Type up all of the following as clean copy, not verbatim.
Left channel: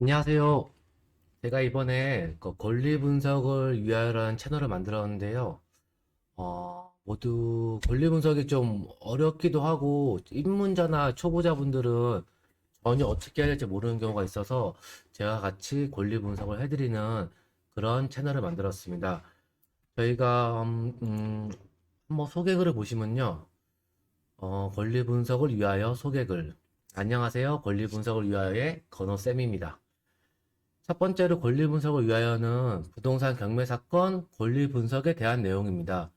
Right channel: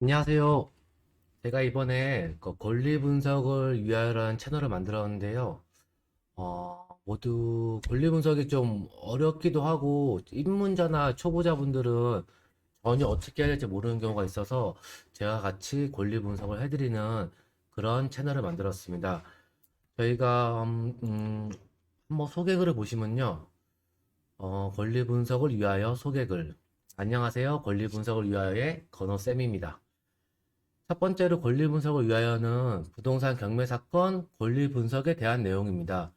안녕하세요. 제가 이번에 그 권리 분석을 위하여라는 채널을 만들었는데요. 모두 권리 분석이 좀 어렵기도 하고, 입문자나 초보자분들은 전혀 어떻게 해야 될지 모르는 경우가 있어서 제가 같이 권리 분석을 해드리는 그런 채널을 만들었습니다. 저희가, 한번 소개글을 보시면요. 권리 분석을 위하여 소개글. 안녕하세요. 권리 분석을 위하여의 건호쌤입니다. 첫 번째로 권리 분석을 위하여는 부동산 경매 사건 권리 분석에 대한 내용입니다.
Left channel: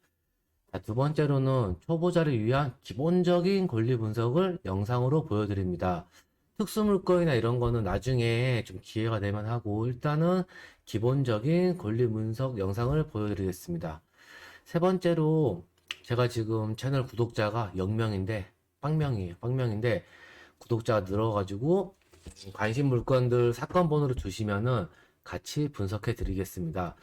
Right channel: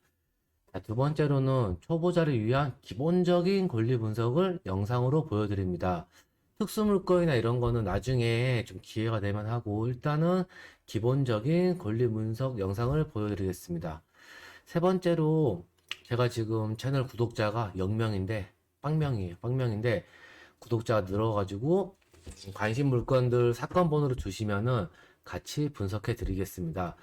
자, 두 번째로는 초보자를 위한 기본적인 권리 분석을 영상으로 보여드립니다. 특수 물건이나 이런 거는 나중에 좀 기회가 되면 하고 일단은 기본적인 권리 분석 영상을 보여드리겠습니다. 세 번째로 제가 지금 채널 구독자가 0명인데 빵명이에요. 빵명인데 구독자가 늘어가지고 관심 물건들 사건 번호를 주시면은 같이 분석해 드리겠습니다.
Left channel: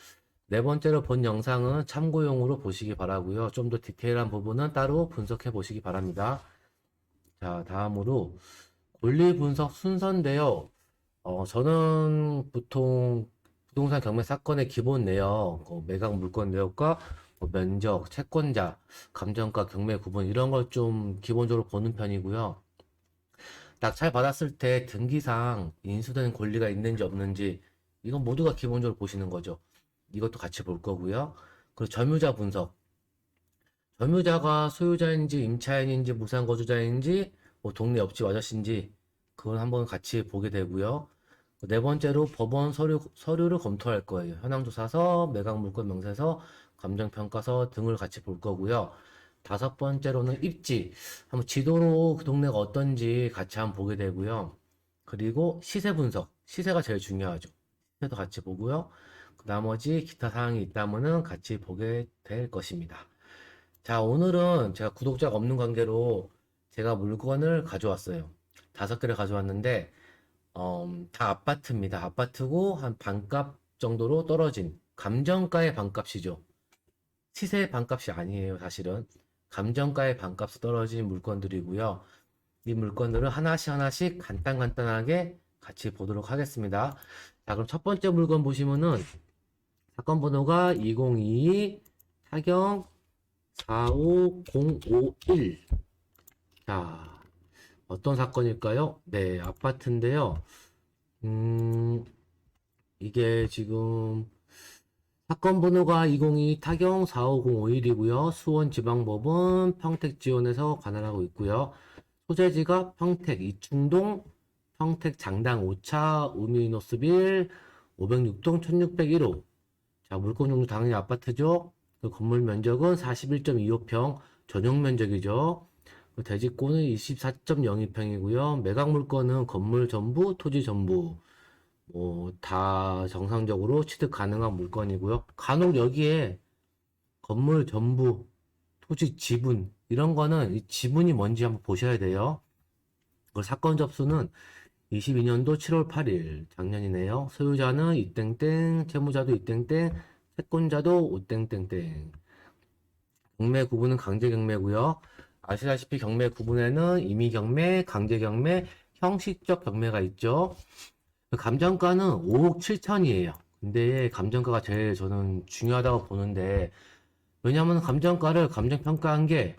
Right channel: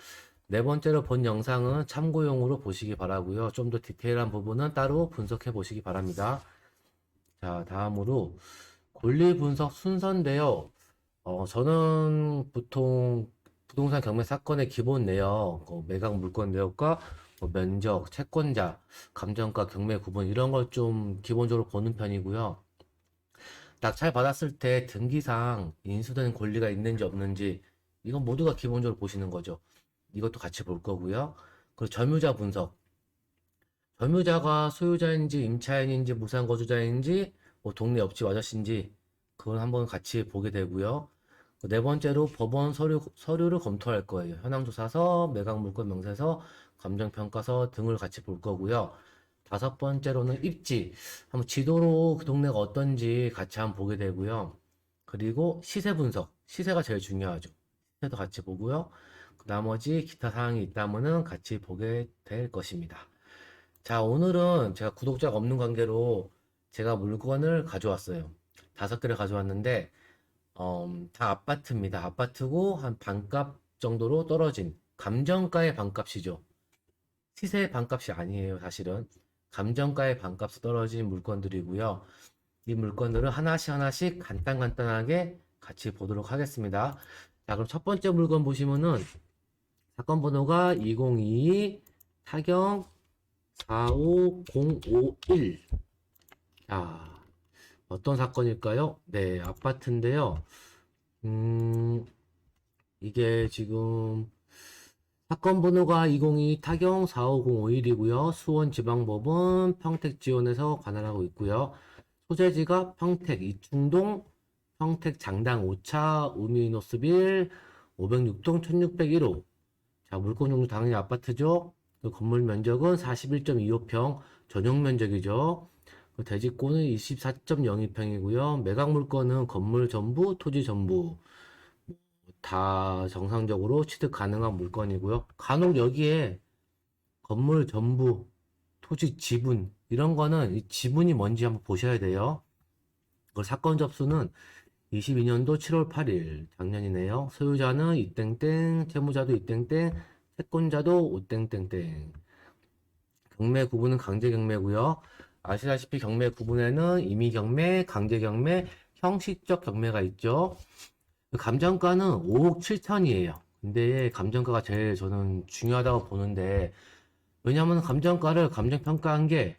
네 번째로 본 영상은 참고용으로 보시기 바라고요. 좀 더 디테일한 부분은 따로 분석해 보시기 바랍니다. 자, 다음으로 권리 분석 순서인데요. 저는 보통 부동산 경매 사건의 기본 내역, 매각 물건 내역과 면적, 채권자, 감정가, 경매 구분 이런 걸 좀 기본적으로 보는 편이고요. 낙찰 받았을 때 등기상 인수된 권리가 있는지 없는지 이건 모두가 기본적으로 보시는 거죠. 이것도 같이 볼 거고요. 그리고 점유자 분석. 점유자가 소유자인지 임차인인지 무상거주자인지 뭐 동네 옆집 아저씨인지 그걸 한번 같이 보게 되고요. 네 번째로 법원 서류를 검토할 거예요. 현황조사서, 매각물건 명세서, 감정평가서 등을 같이 볼 거고요. 다섯 번째로는 입지. 한번 지도로 그 동네가 어떤지 같이 한번 보게 되고요. 그리고 시세 분석. 시세가 제일 중요하죠. 시세도 같이 보고요. 나머지 기타 사항이 있다면은 같이 보게 될 것입니다. 자, 오늘은 제가 구독자가 없는 관계로 제가 물건을 가져왔어요. 다섯 개를 가져왔는데, 다 아파트입니다. 아파트고 한 반값 정도로 떨어진 감정가의 반값이죠. 시세의 반값이 아니에요, 사실은. 감정가의 반값이 떨어진 물건들이고요. 이 물건들을 하나씩 하나씩 간단하게 같이 보도록 하겠습니다. 자, 그럼 첫 번째 물건 보시면은 사건 번호가 2022 타경 45051. 자, 어떤 사건일까요? 네, 아파트인데요. 음, 이게 지금 사건 번호가 202 타경 45051이고요. 수원지방법원 평택지원에서 관할하고 있고요. 소재지가 평택 이충동 평택 장당 5차 우미노스빌 506동 1601호. 자, 물건 종류 당연히 아파트죠. 그 건물 면적은 41.25평 전용 면적이죠. 그 대지권은 24.02평이고요. 매각 물건은 건물 전부, 토지 전부. 뭐, 다 정상적으로 취득 가능한 물건이고요. 간혹 여기에 건물 전부, 토지 지분, 이런 거는 이 지분이 뭔지 한번 보셔야 돼요. 그 사건 접수는 22년도 7월 8일, 작년이네요. 소유자는 이땡땡, 채무자도 이땡땡, 채권자도 오땡땡땡. 경매 구분은 강제 경매고요. 아시다시피 경매 구분에는 임의 경매, 강제 경매, 형식적 경매가 있죠. 그 감정가는 5억 7천이에요. 근데 감정가가 제일 저는 중요하다고 보는데 왜냐면 감정가를 감정평가한 게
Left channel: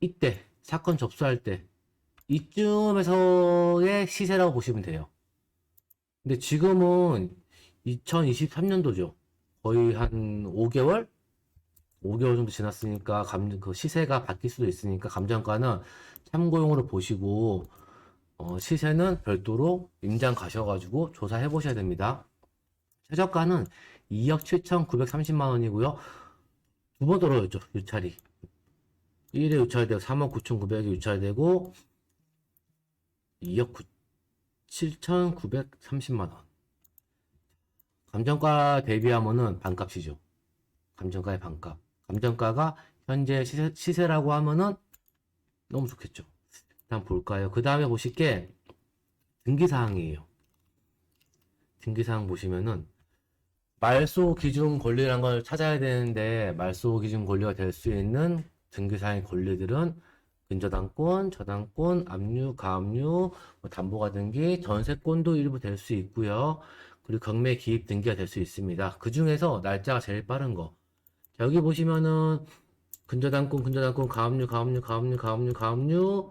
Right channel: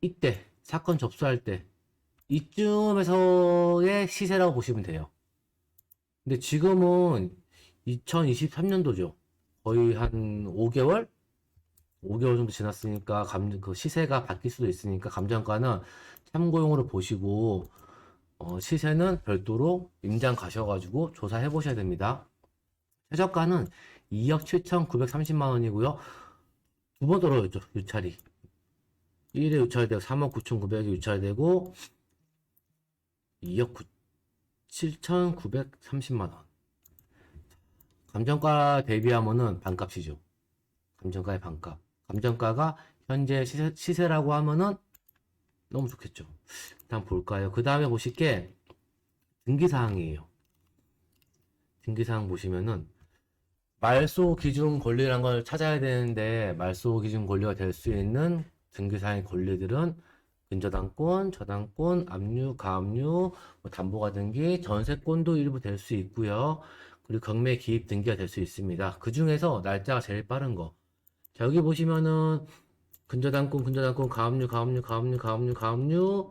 이때 사건 접수할 때 이쯤에서의 시세라고 보시면 돼요. 근데 지금은 2023년도죠. 거의 한 5개월? 5개월 정도 지났으니까 그 시세가 바뀔 수도 있으니까 감정가는 참고용으로 보시고 시세는 별도로 임장 가셔가지고 조사해 보셔야 됩니다. 최저가는 2억 7,930만 원이고요. 두 번 떨어졌죠, 유찰이. 1회 유찰되고 3억 9,900이 유찰되고 2억 7,930만 원. 감정가 대비하면은 반값이죠. 감정가의 반값. 감정가가 현재 시세라고 하면은 너무 좋겠죠. 일단 볼까요? 그 다음에 보실 게 등기사항이에요. 등기사항 보시면은 말소 기준 권리라는 걸 찾아야 되는데 말소 기준 권리가 될 수 있는 등기사항의 권리들은 근저당권, 저당권, 압류, 가압류, 뭐 담보가 등기, 전세권도 일부 될 수 있고요. 그리고 경매 기입 등기가 될 수 있습니다. 그 중에서 날짜가 제일 빠른 거. 자, 여기 보시면은 근저당권, 근저당권, 가압류, 가압류, 가압류, 가압류, 가압류,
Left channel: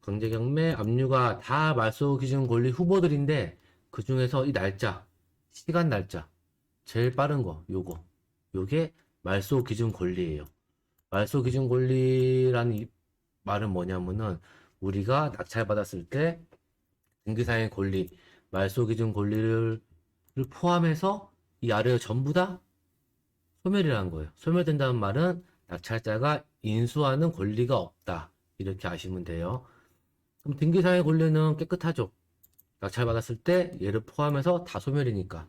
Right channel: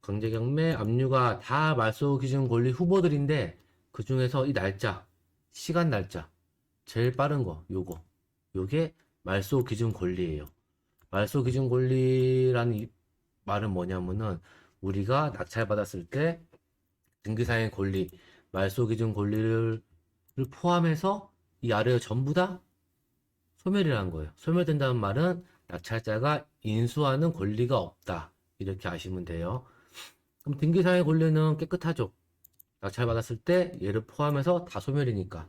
강제경매, 압류가 다 말소 기준 권리 후보들인데 그 중에서 이 날짜, 시간 날짜 제일 빠른 거, 요게 말소 기준 권리예요. 말소 기준 권리라는 말은 뭐냐면은 우리가 낙찰받았을 때 등기사의 권리, 말소 기준 권리를 포함해서 이 아래가 전부 다 소멸이라는 거예요. 소멸된다는 말은 낙찰자가 인수하는 권리가 없다. 이렇게 아시면 돼요. 그럼 등기사의 권리는 깨끗하죠. 낙찰받았을 때 얘를 포함해서 다 소멸이니까.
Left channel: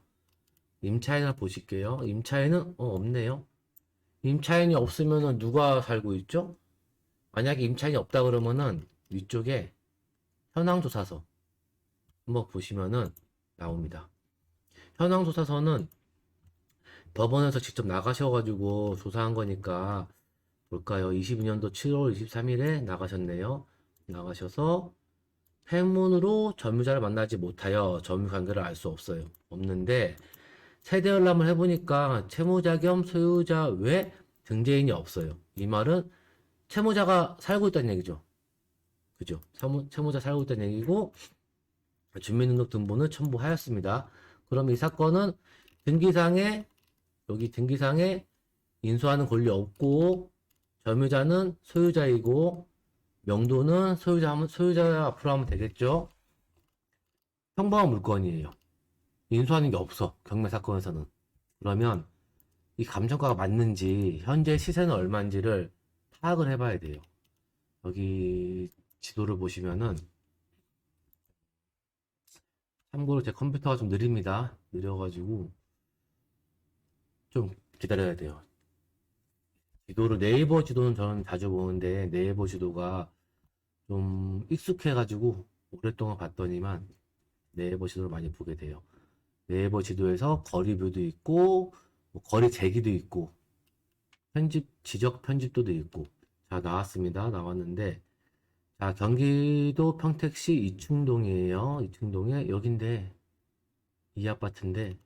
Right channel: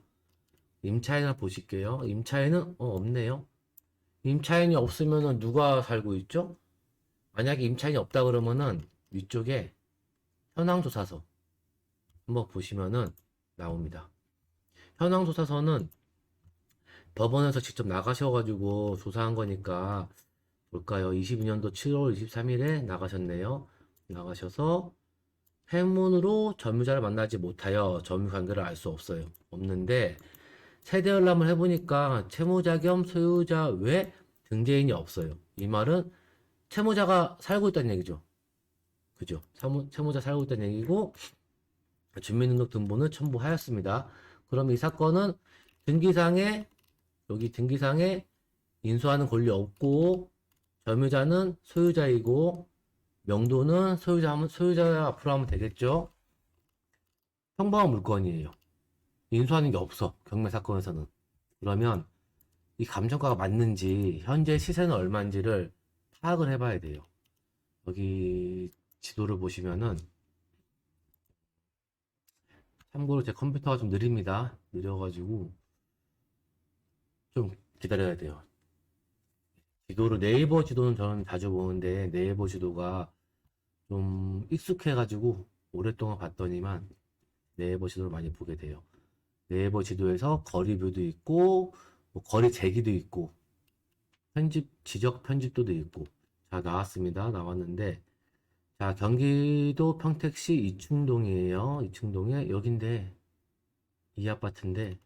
임차인을 보실게요. 임차인은 없네요. 임차인이 없으면은 누가 살고 있죠? 만약에 임차인이 없다 그러면은 위쪽에 현황조사서 한번 보시면은 나옵니다. 현황조사서는 법원에서 직접 나가셔가지고 조사한 거니까 볼까요? 22년도 7월 23일에 나가셨네요. 나가셔서 행문으로 점유자를 만나지 못하여 점유 관계를 알 수 없어요. 없는데 세대 열람을 해보니까 채무자 겸 소유자 외 등재인이 없어요. 이 말은 채무자가 살고 있다는 얘기죠. 그죠? 채무자 살고 있다는 얘기고 주민등록등본을 첨부하였습니다. 그럼 이 사건은 등기상에 여기 등기상에 인수하는 권리 없고 점유자는 소유자이고 명도는 소유자 앞으로 하면 되겠죠. 평범한 물건이에요. 인수하는 게 없어. 경매 사건에서는. 그러면 이 감정가가 맞는지 현재 시세는 얼마인지를 파악을 해봐야 돼요. 여기 지도를 보시면은 참고로 제 컴퓨터가 좀 느립니다. 느려가지고 좀 기다려야 돼요. 지도를 네이버 지도는 저는 자주 보는데 네이버 지도가 좀 익숙해가지고 오랫동안 봤더니만 네이버 지도를 많이 보게 돼요. 네이버 지도에서 거리뷰도 있고 뭐 거리 재기도 있고 지적 편집도도 있고 자 나왔습니다. 나왔는데 자 경기도 평택시 이충동이에요. 이충동에 여긴데 이 아파트인데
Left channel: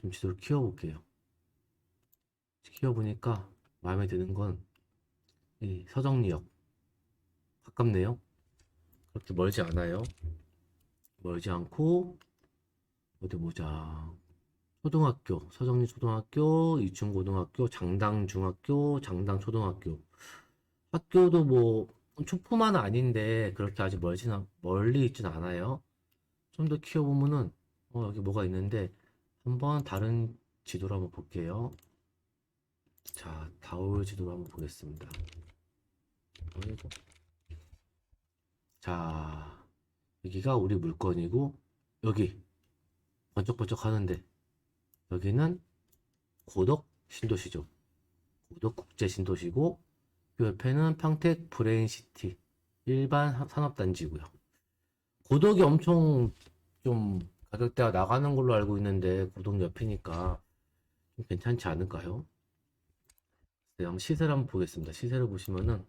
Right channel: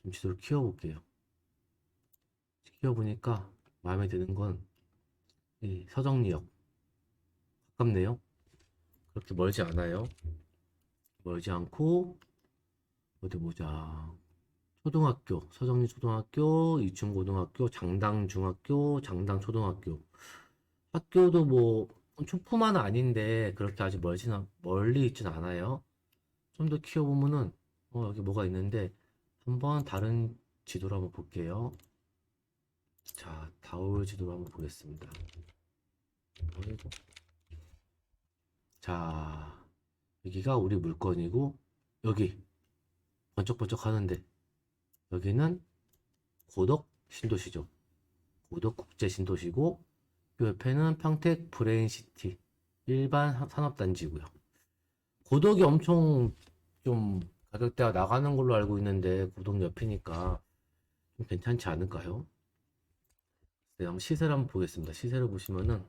좀 지도를 키워볼게요. 키워보니까 마음에 드는 건 이 서정리역 가깝네요. 그렇게 멀지 않아요. 멀지 않고 어디 보자. 초등학교, 서정리 초등학교, 이충고등학교, 장당중학교, 장당초등학교. 학교도 뭐 초품화는 아닌데 그렇게 아주 멀리 있진 않아요. 좀 더 키워보면은 여기 뭐가 있는데 한번 다른 지도를 한번 볼게요. 자, 다울 지도를 한번 보겠습니다. 아이고. 자, 여기가 우리 물건이고 여기 번쩍번쩍 하는데 여기는 고덕 신도시죠. 고덕 국제 신도시고 그 옆에는 평택 브레인시티 일반 산업단지고요. 고덕이 엄청 좀 가격대가 나가는 걸로 알고 있는데 고덕 옆이니까 좀 괜찮지 않을까요? 네, 한번 시세를 한번 보겠습니다. 시세를 보시면은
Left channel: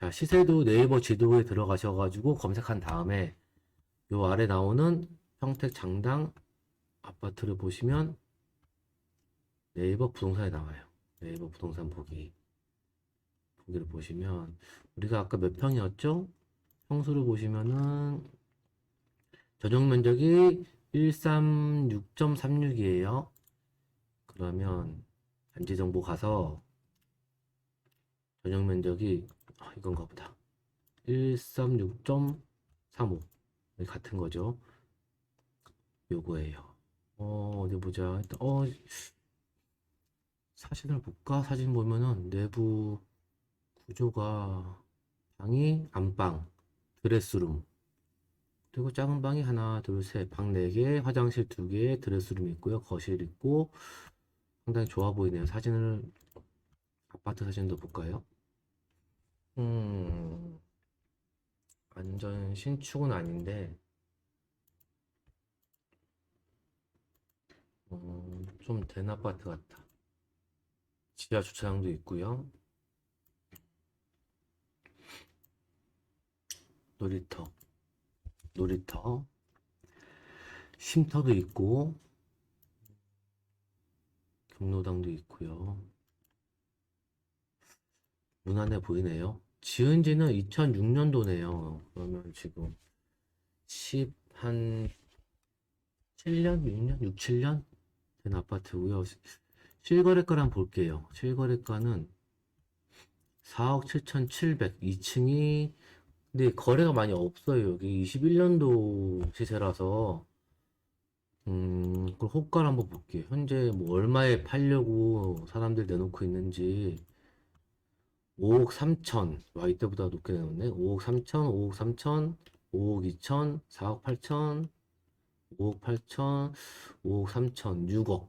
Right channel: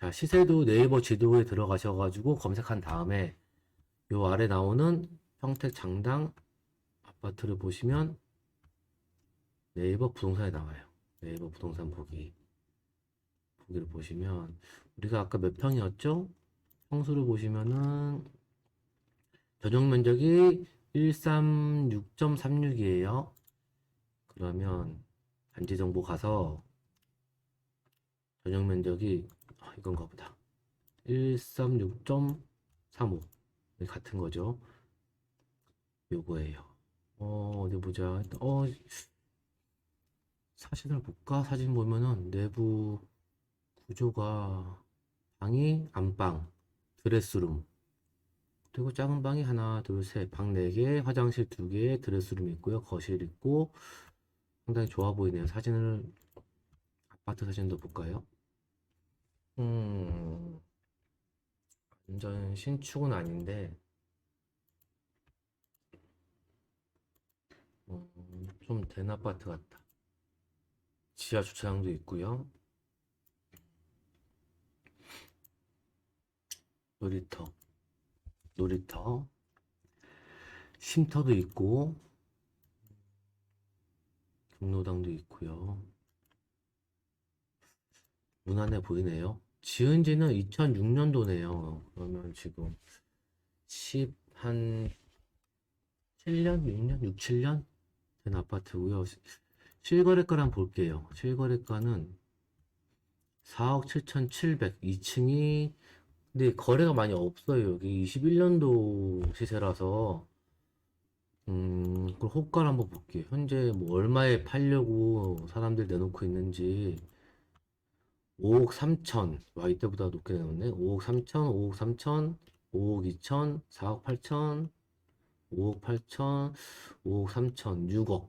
자 시세도 네이버 지도에 들어가셔가지고 검색한 다음에 요 아래 나오는 평택 장당 아파트를 보시면 네이버 부동산에 나와요. 네이버 부동산 보기를 보시면 우리가 아까 몇 평이었죠? 평수를 보시면은 전용 면적이 136.36이에요. 그러면 단지 정보 가서 전용 면적이 이건가 보다. 136.35 같은 거죠. 요거예요. 어디 보자. 사진을 볼까? 사진 보면은 내부 구조가 방이 안방, 드레스룸, 그리고 작은 방이 하나, 둘, 셋, 방 4개, 화장실 2개, 드레스룸 있고요. 거실 있고 상당히 좋아 보이네요. 사진을 아파트 사진도 볼까요? 음, 완전 신축은 아닌데 좀 된 아파트 같다. 지하 주차장도 있고요. 놀이터, 놀이터, 쉼터도 있고, 경로당도 있고요. 무난해 보이네요. 지은 지는 2006년도네요. 그러면 지금 한 7년, 6년, 6, 7년 된 아파트고요. 실거래가를 볼게요. 실거래가는 4억 7,700, 2층이 근데 거래가 많이 없어요. 여기 21년도 시세라서 그 호가를 한번 볼게요. 현재 뭐 얼마에 팔려고 사람들 내놓고 있는지 5억 3천. 와, 이때보다 높게 내놓네. 5억 3천, 5억 3천, 5억 2천, 4억 8천, 5억 8천, 5억 3천, 6억,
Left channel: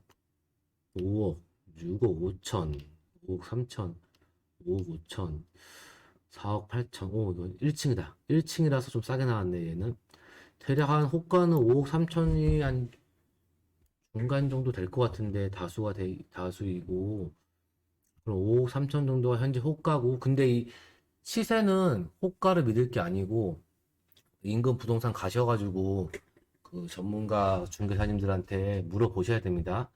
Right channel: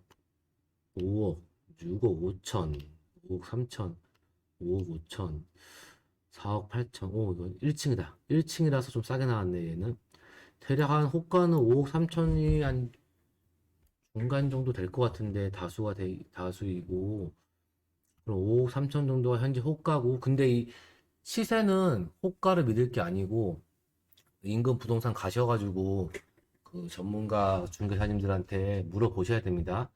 5억, 6억 5천, 5억 3천, 5억 5천, 4억 8천. 오, 이거 1층이다. 1층이라서 좀 싸게 나왔네, 얘는. 대략 한 호가는 5억 3천이 한 중간 정도 될 것 같은데, 다수이고. 그럼 5억 3천 정도가 현재 호가고, 근데 이 시세는 호가를 믿을 게 아니고, 인근 부동산 가셔가지고, 그 전문가 중개사님들한테 물어보셔야 됩니다.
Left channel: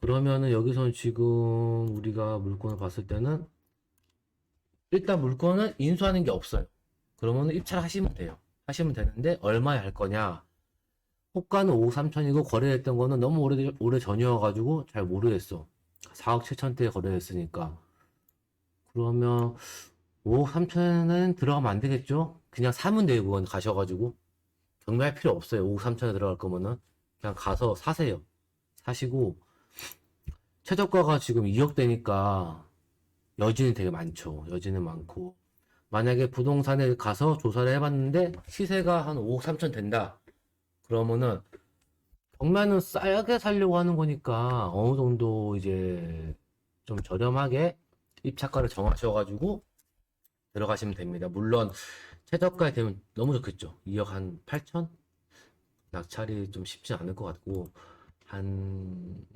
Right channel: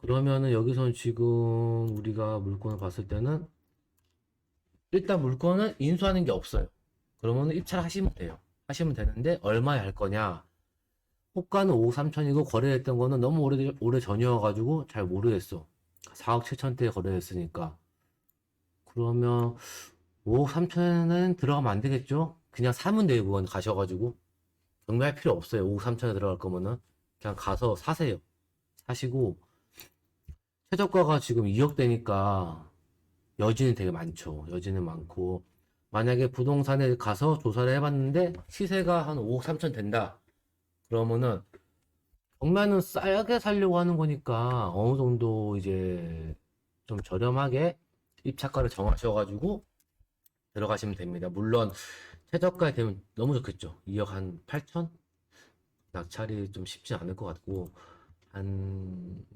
그러면은 여기서는 지금 우리가 물건을 봤을 때는, 일단 물건은 인수하는 게 없어요. 그러면 입찰 하시면 돼요. 하시면 되는데, 얼마에 할 거냐? 호가는 5억 3천이고, 거래했던 거는 너무 오래 전이어가지고, 잘 모르겠어. 4억 7천대에 거래했으니까. 그러면 5억 3천에는 들어가면 안 되겠죠? 그냥 사면 돼요, 그건 가셔가지고. 경매할 필요 없어요. 5억 3천에 들어갈 거면은. 그냥 가서 사세요. 사시고, 최저가가 지금 2억 대니까 여진이 되게 많죠. 여진은 많고. 만약에 부동산에 가서 조사를 해봤는데 시세가 한 5억 3천 된다. 그러면은 경매는 싸게 살려고 하는 거니까 어느 정도 이제 좀 저렴하게 입찰가를 정하셔가지고 들어가시면 됩니다. 물론 최저가에 되면 너무 좋겠죠. 2억 한 8천? 낙찰이 좀 쉽지 않을 것 같고 한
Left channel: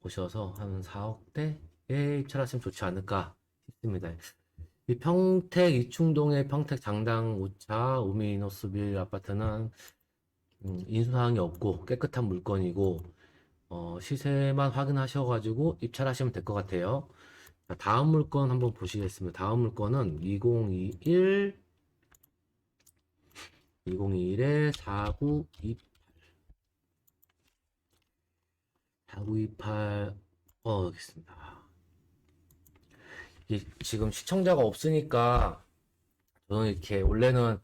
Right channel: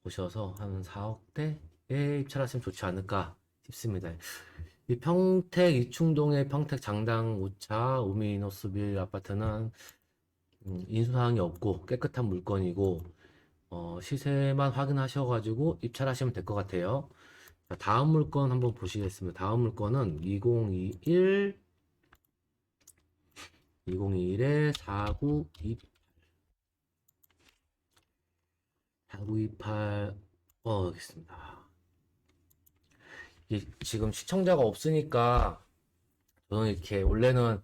보셔서 한 4억대에 입찰하시면 좋지 않을까 싶습니다. 이 평택 이충동의 평택 장당 5차 우미노스빌 아파트는 인수사항이 없고 깨끗한 물건이고 시세만 확인하셔가지고 입찰하시면 될 것 같아요. 자, 다음 물건 한번 보시겠습니다. 다음 물건은 2021에 4928 여기 있습니다. 지금 시청자가 없으니까 저는 이렇게 원래는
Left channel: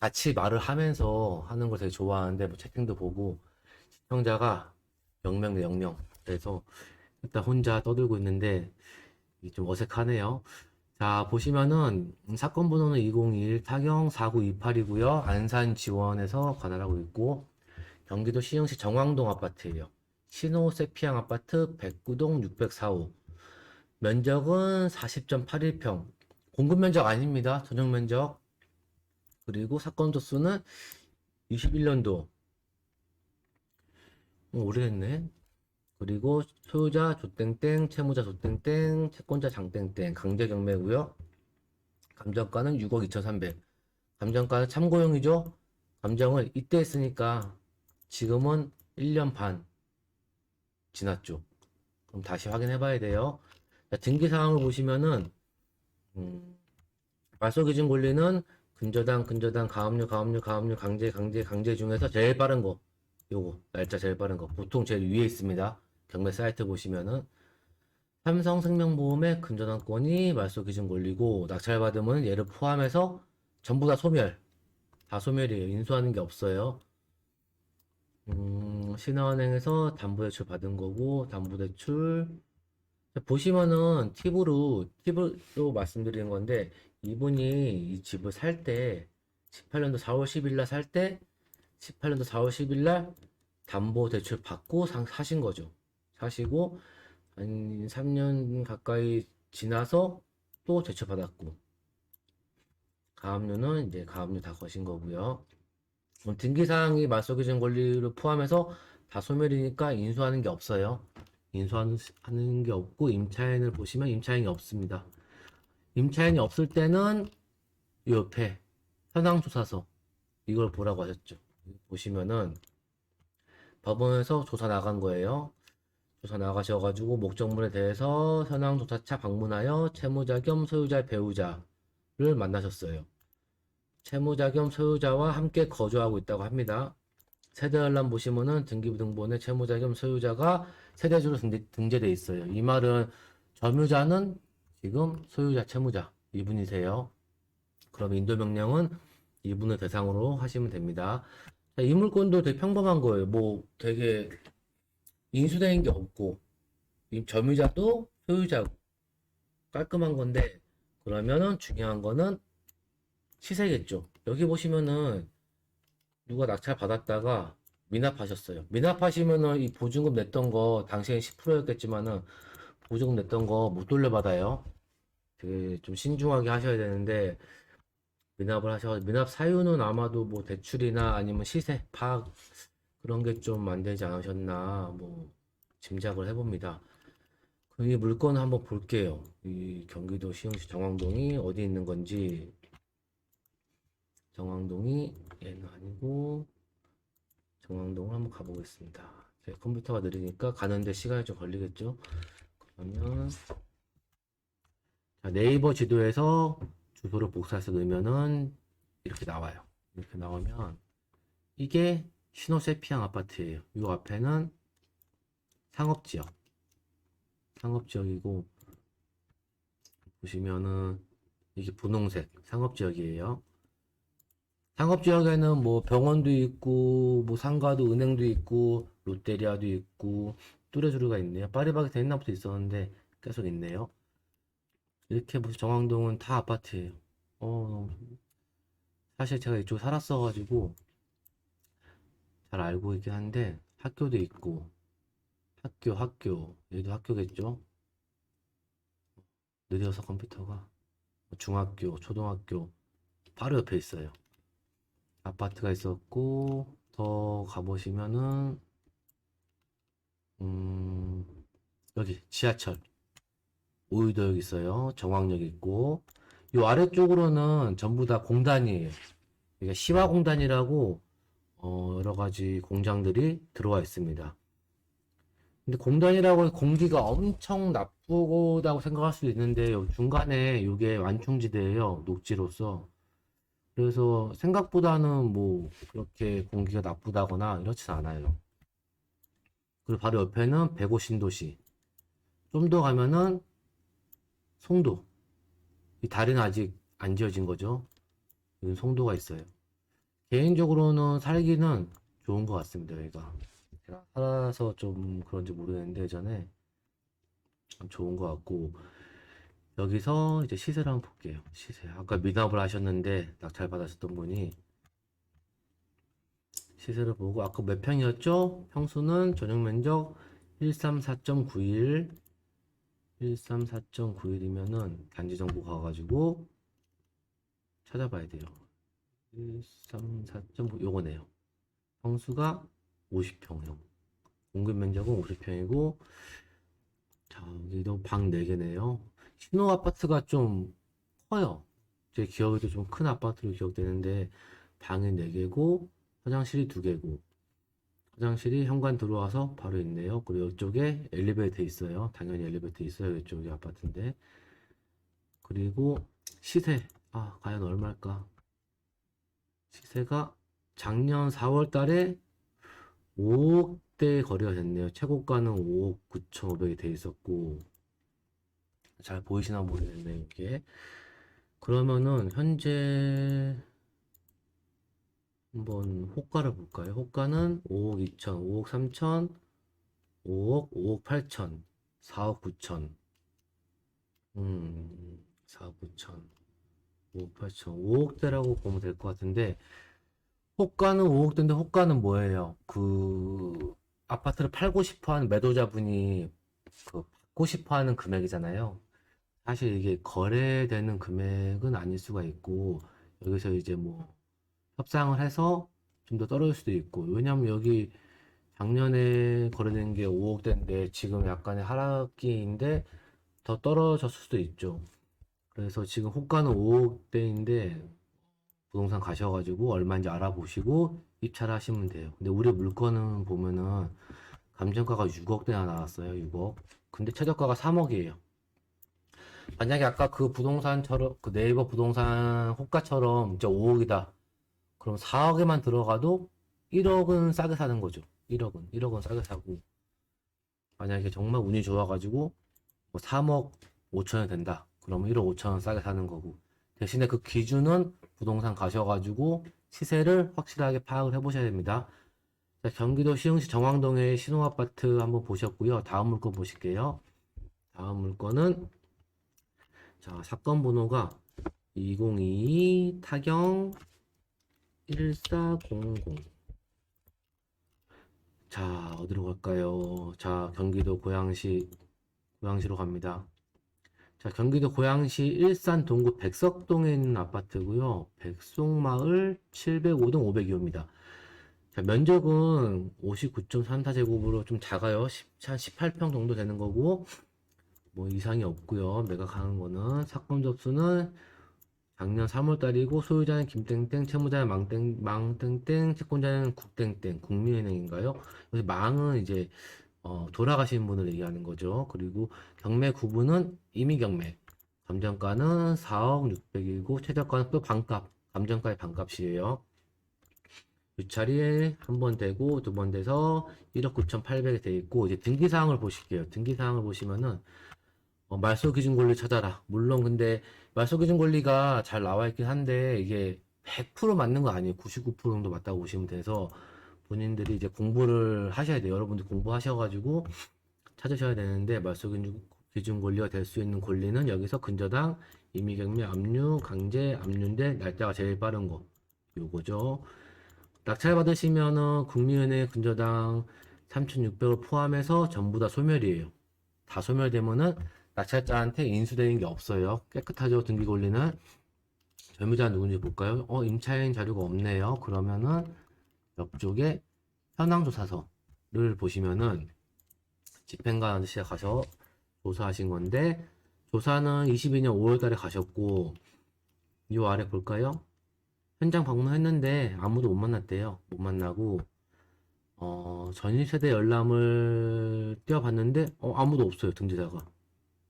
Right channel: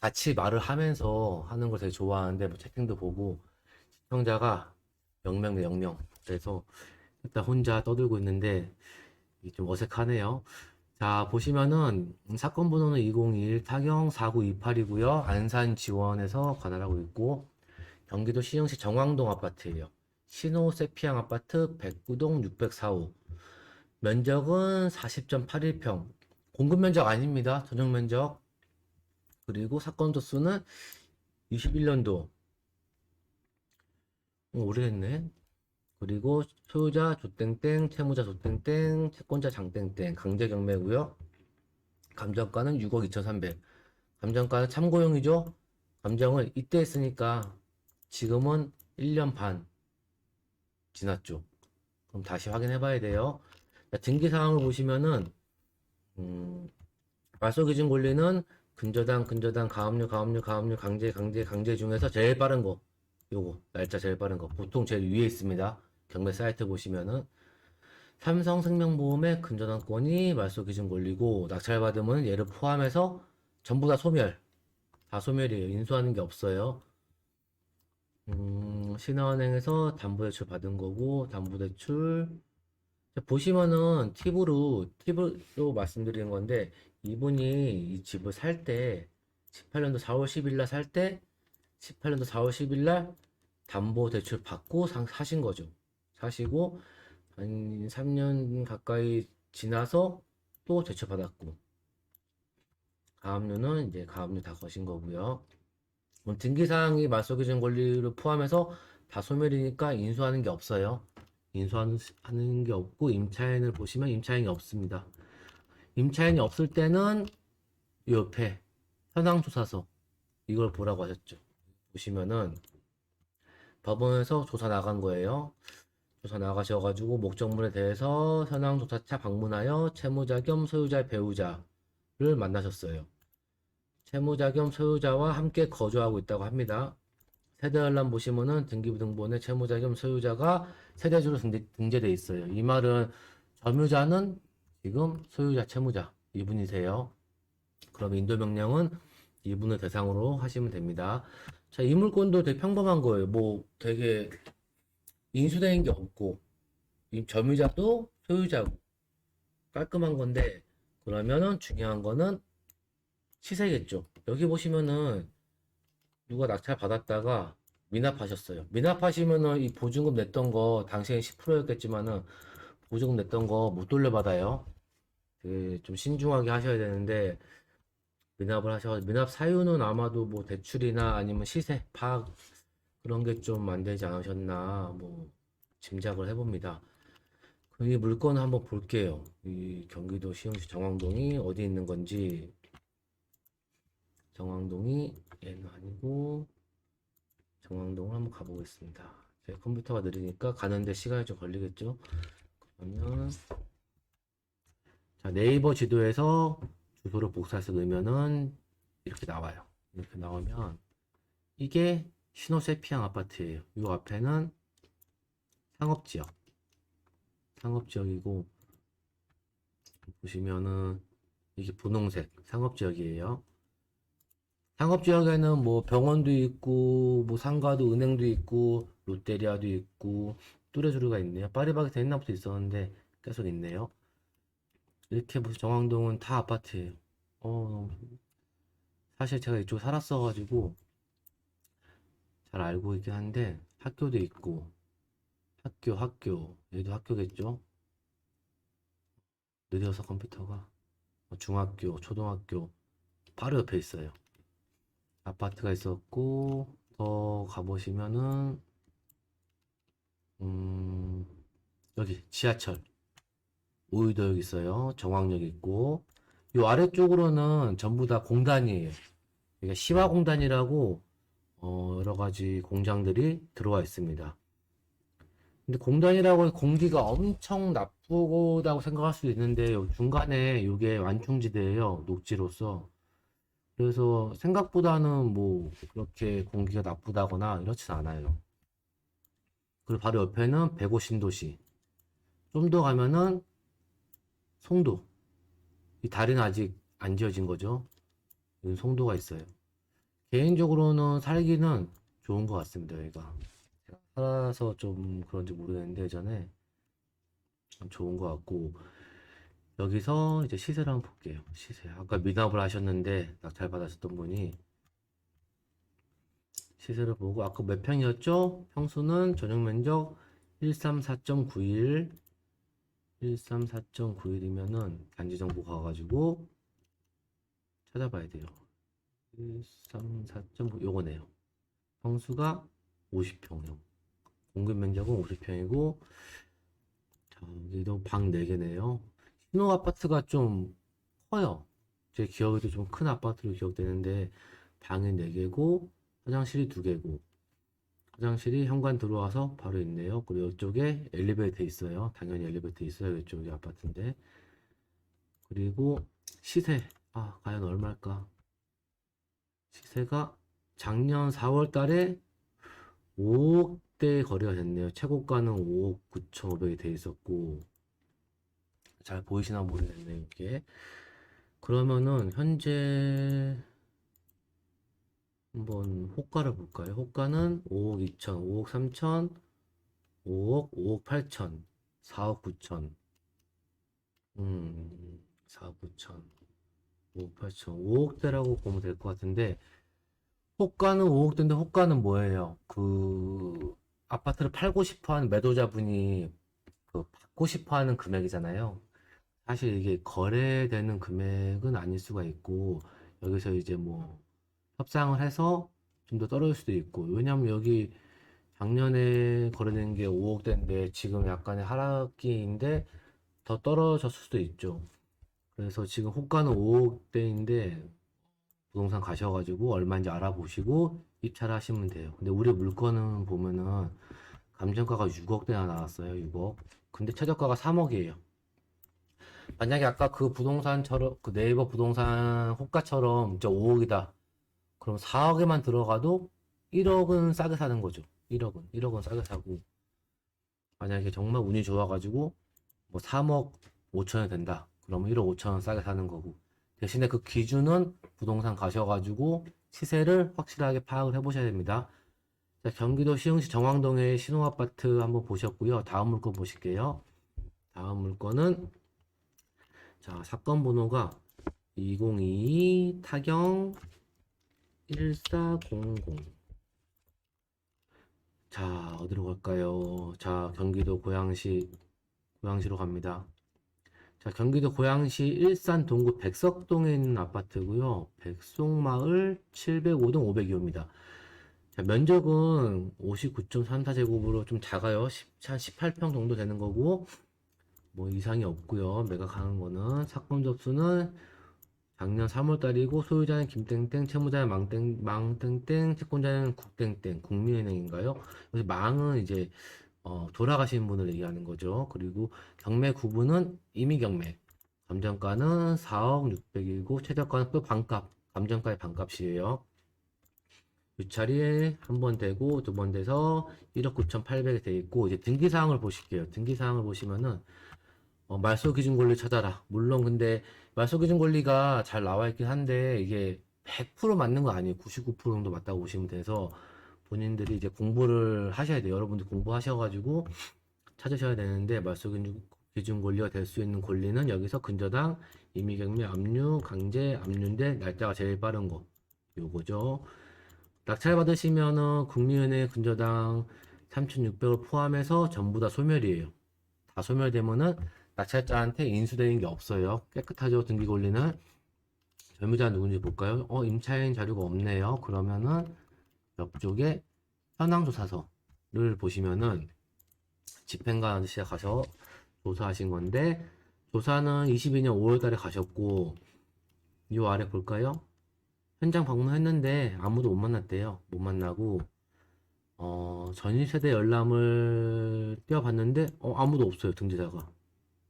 같이 말을 하면서 하는 걸 되게 좋아하는데 뭐 채팅도 보고 시청자가 0명 대 0명 그래서 일단 혼자 떠들고 있는데 이게 좀 어색하네요. 자 보시면은 사건 번호는 201 타경 4928이고요. 안산 지원에서 관할하고 있고 경기도 시흥시 정왕동 아파트예요. 신호세피앙 아파트 109동 604호 면적은 40.81평 공급 면적 아닙니다. 전용 면적 그리고 사건 도수는 21년도 오래됐네. 그리고 소유자 조땡땡 채무자 조땡땡 채권자 장땡땡 강제 경매고요. 감정가는 6억 2,300 감정가는 참고용이죠. 감정을 이때 했으니까 지금은 1년 반 지났죠. 그럼 다시 확인해 봐야 돼요. 등기 사항을 보시면은 말소기준 권리는 근저당 가압류 강제 중에서 제일 빠른 거 요거 날짜 제일 빠른 거 보통 제일 위에 있습니다. 경매 사이트 보시면은 삼성생명보험의 근저당권이 말소기준 권리고 낙찰받으면 얘를 포함해서 전부 다 소멸 다 소멸이에요. 인수하는 게 없어요. 신한은행에서 담보대출 받은 거고 담보대출 보시면은 팁으로 말씀드리는 건데 이분이 이 집을 살 때 18년도 4월 10일 날 살 때 18년도 4월 10일 날 담보대출 받고 사신 거죠. 사시고 한 3년 가까이 지나서 또 대출 받았고 가압류는 이제 가압류 다 거신 거고요. 등기사항이 말소기준 권리를 포함해서 다 소멸이니까 인수하는 게 없어요. 인수하는 게 없고 임차인을 보시면 임차인이 없습니다. 임차인이 없을 때는 이 옆에 현황조사서 이걸 보라고 하셨죠. 보시면은 법원에서 조사 나간 거예요. 조사 나가셔가지고 목적물에 대해서 현황조사차 방문하여 채무자 겸 소유자 배우자를 만나셨어요. 채무자 겸 소유자와 함께 거주하고 있다고 합니다. 세대열람 보시면은 등기부등본에 채무자 겸 소유자가 세대주로 등재돼 있어요. 이 말은 점유자는 지금 소유자 채무자 이분이세요. 그럼 인도명령은 이분을 대상으로 하시면 됩니다. 자, 이 물건도 되게 평범한 거예요. 뭐 되게 인수된 게 없고 이 점유자도 소유자고 깔끔한 건데, 그러면은 중요한 거는 시세겠죠. 여기 보시면은 누가 낙찰 받았다가 미납하셨어요. 미납하시면은 이 보증금 냈던 거 당시엔 10%였겠지만은 보증금 냈던 거 못 돌려받아요. 되게 좀 신중하게 하셔야 되는데, 미납 사유는 아마도 뭐 대출이나 아니면 시세 파악 그런 게 좀 안 되지 않으셨나 뭐 짐작을 해봅니다. 이 물건 한번 볼게요. 이 경기도 시흥시 정왕동이 어디 있는 건지. 정왕동이 얘는 아니고 정왕동을 한번 가보겠습니다. 제 컴퓨터가 느리니까 가는데 시간이 좀 걸리겠죠. 그러면 자, 네이버 지도에서 주소를 복사해서 넣으면은 이렇게 나와요. 이렇게 나오면 이게 신호세피앙 아파트예요. 이 앞에는 상업지역, 상업지역이고 보시면은 이게 분홍색 상업지역이에요. 상업지역에는 뭐 병원도 있고 뭐 상가도 은행도 있고 롯데리아도 있고 뚜레쥬르가 있네요. 파리바게트 옛날부터 있었는데 계속 있네요. 이렇게 무슨 정왕동은 다 아파트예요. 어, 사실 제가 이쪽 살았어가지고 잘 알고 있긴 한데 학교도 있고 학교 여기도 학교겠죠? 느려서 컴퓨터가 중학교, 초등학교 바로 옆에 있어요. 아파트가 있었고 더 가보시면은 음, 여기 지하철 오유도역 있어요. 정왕역 있고 이 아래쪽으로는 전부 다 공단이에요. 그러니까 시화공단이라고 여러 가지 공장들이 들어와 있습니다. 근데 공단이라고 해서 공기가 엄청 나쁘다고 생각할 수도 있는데 중간에 이게 완충지대예요. 녹지로서. 그래서 생각보다는 뭐 그렇게 공기가 나쁘다거나 이렇진 않아요. 그리고 바로 옆에는 150신도시. 좀 더 가면은 송도. 이 다리는 아직 안 지어진 거죠. 여기 송도가 있어요. 개인적으로는 살기는 좋은 것 같습니다, 여기가. 제가 살아서 좀 그런지 모르겠는데, 예전에 참 좋은 것 같고, 여기서 이제 시세를 한번 볼게요. 시세. 아까 미납을 하셨는데, 낙찰 받으셨던 분이 시세를 보고, 아까 몇 평이었죠? 평수는 전용 면적 134.91, 134.91이면은 단지 정보 가가지고 찾아봐야 돼요. 134.9, 요거네요. 평수가 50평형. 공급 면적은 50평이고, 자, 여기도 방 4개네요. 신호 아파트가 좀 커요. 제 기억에도 좀 큰 아파트로 기억되는데, 방이 4개고, 화장실이 2개고, 화장실이 현관 들어와서 바로 있네요. 그리고 이쪽에 엘리베이터 있어요. 당연히 엘리베이터 있어요. 이쪽이 아파트인데. 그리고 시세. 아, 과연 얼마일까? 시세가 작년 4월 달에 5억대 거래가 됐네요. 최고가는 5억 9,500이 돼 있었고, 잘 보이시나 모르겠네요, 이게. 그러면은, 현재, 한번 호가를 볼까요? 호가는 5억 2천, 5억 3천, 5억, 5억 8천, 4억 9천, 4억 9천, 5억 8천, 5억대라고 보면 될 것 같은데, 호가는 5억대인데, 호가는 뭐예요? 그, 아파트를 팔고 싶어 하는 매도자분이 그 받고 싶어 하는 금액이잖아요. 사실 이게 거래되는 금액은 아닐 수가 있고, 여기서 이제 뭐 협상을 해서 좀 더 떨어질 수도 있고, 왜냐면 여기 작년에 거래된 게 5억대인데 지금 약간의 하락기인데 더 떨어졌을 수도 있죠. 그래서 지금 호가는 5억대인데 부동산 가셔가지고 얼마인지 알아보시고 입찰을 하시면 돼요. 근데 우리 물건은 보면은 감정가가 6억대나 나왔어요. 6억. 근데 최저가가 3억이에요. 만약에 아까 그 부동산처럼 그 네이버 부동산 호가처럼 이제 5억이다. 그럼 4억에만 들어가도 1억은 싸게 사는 거죠. 1억은 싸게 사고. 만약에 정말 운이 좋아가지고 뭐 3억 5천이 된다. 그러면 1억 5천원 싸게 사는 거고. 대신에 그 기준은 부동산 가셔가지고 시세를 확실하게 파악을 해보셔야 됩니다. 자, 경기도 시흥시 정왕동의 신혼아파트 한번 보셨고요. 다음 물건 보실게요. 다음 물건은 자, 사건 번호가 2022 타경 1400. 자, 어디로 갈까요? 자, 경기도 고양시로 갑니다. 자, 경기도 고양시 일산 동구 백석동에 있는 아파트고요. 백송마을 705동 502호입니다. 자, 면적은 59.34제곱으로 좀 작아요. 한 18평 정도 되는 거고, 뭐 이상이 없고요. 매각하는 거는 사건 접수는 작년 3월달이고 소유자는 김땡땡, 채무자는 망땡땡, 채권자는 국땡땡, 국민은행인가요? 그래서 망은 이제 돌아가신 분을 얘기하는 거죠. 그리고 경매 구분은 임의경매. 감정가는 4억 600이고 최저가는 또 반값. 감정가의 반값이에요. 유찰이 한 번 되고 두 번 돼서 1억 9,800에 돼 있고 이제 등기사항을 보실게요. 등기사항을 보시면은 말소 기준 권리 찾아라. 물론 근데 말소 기준 권리가 잘 나와 있긴 한데 이게 100% 맞는 거 아니에요. 99% 정도 맞다고 보시면 돼서 본인들이 이제 공부를 하셔야 돼요. 여러분들 공부하셔가지고 찾으셔야 되는데 말소 기준 권리가 될 수 있는 권리는 여기서 근저당, 임의경매, 압류, 강제, 압류인데 날짜가 제일 빠른 거 요거죠. 낙찰 받으시면은 국민은행 근저당 3,600을 포함해서 전부 다 소멸이에요. 다 소멸되면은 낙찰자한테 인수되는 게 없어요. 깨끗하죠, 등기 권리는. 절무자 누군지 볼까요? 임차인 자료가 없네요. 그러면은 옆쪽에 현황조사서를 보시면은 집행관 아저씨가 가서 조사하신 건데 조사는 22년 5월달에 가셨고 이 아래 볼까요? 현장 방문했는데 아무도 못 만났대요. 못 만나고 전일세대 열람을 떼어봤는데 아무도 없어요, 등재자가.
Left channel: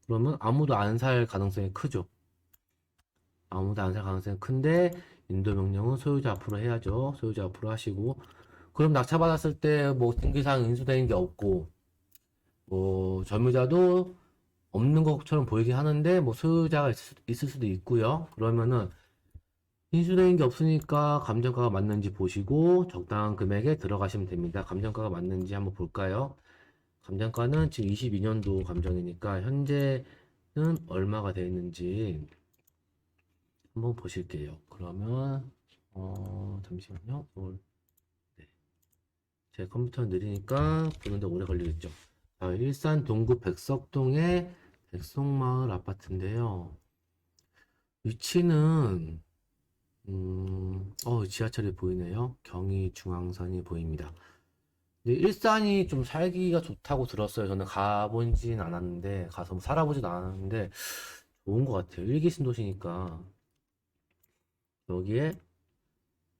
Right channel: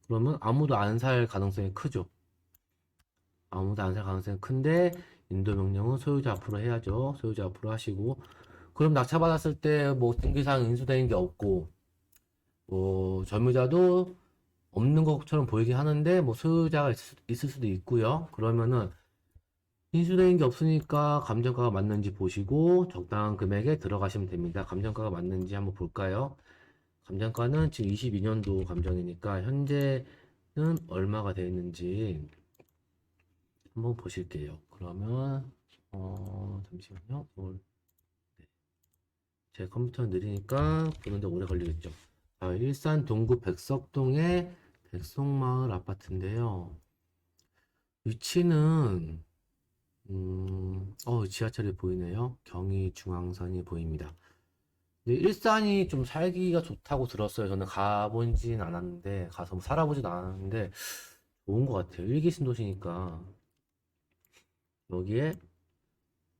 그러면 아무도 안 살 가능성이 크죠. 아무도 안 살 가능성이 큰데 인도 명령은 소유자 앞으로 해야죠. 소유자 앞으로 하시고 그럼 낙찰 받았을 때 뭐 등기사항 인수되는 게 없고 뭐 절무자도 없는 것처럼 보이긴 하는데 뭐 소유자가 있을 수도 있고요. 그러면은 인수되는 게 없으니까 감정가가 맞는지 보시고 적당한 금액에 들어가시면 됩니다. 감정가가 맞는지 한번 볼까요? 감정가는 지금 22년도 감정이니까 현재는 얼마가 되어 있는지 한번 보실게요. 그러면 잠시만요. 네. 제 컴퓨터는 느리니까 보는데 오래 걸리겠죠. 일산 동구 백석동의 백송마을 아파트인데요. 위치는 지하철이 보이네요. 경의중앙선이 보입니다. 근데 일산이 좀 살기가 좋다고 들었어요. 저는 가보진 않았는데, 가서 뭐 살아보지도 않았는데, 좋은 것 같아요. 일기 신도시니까. 여기에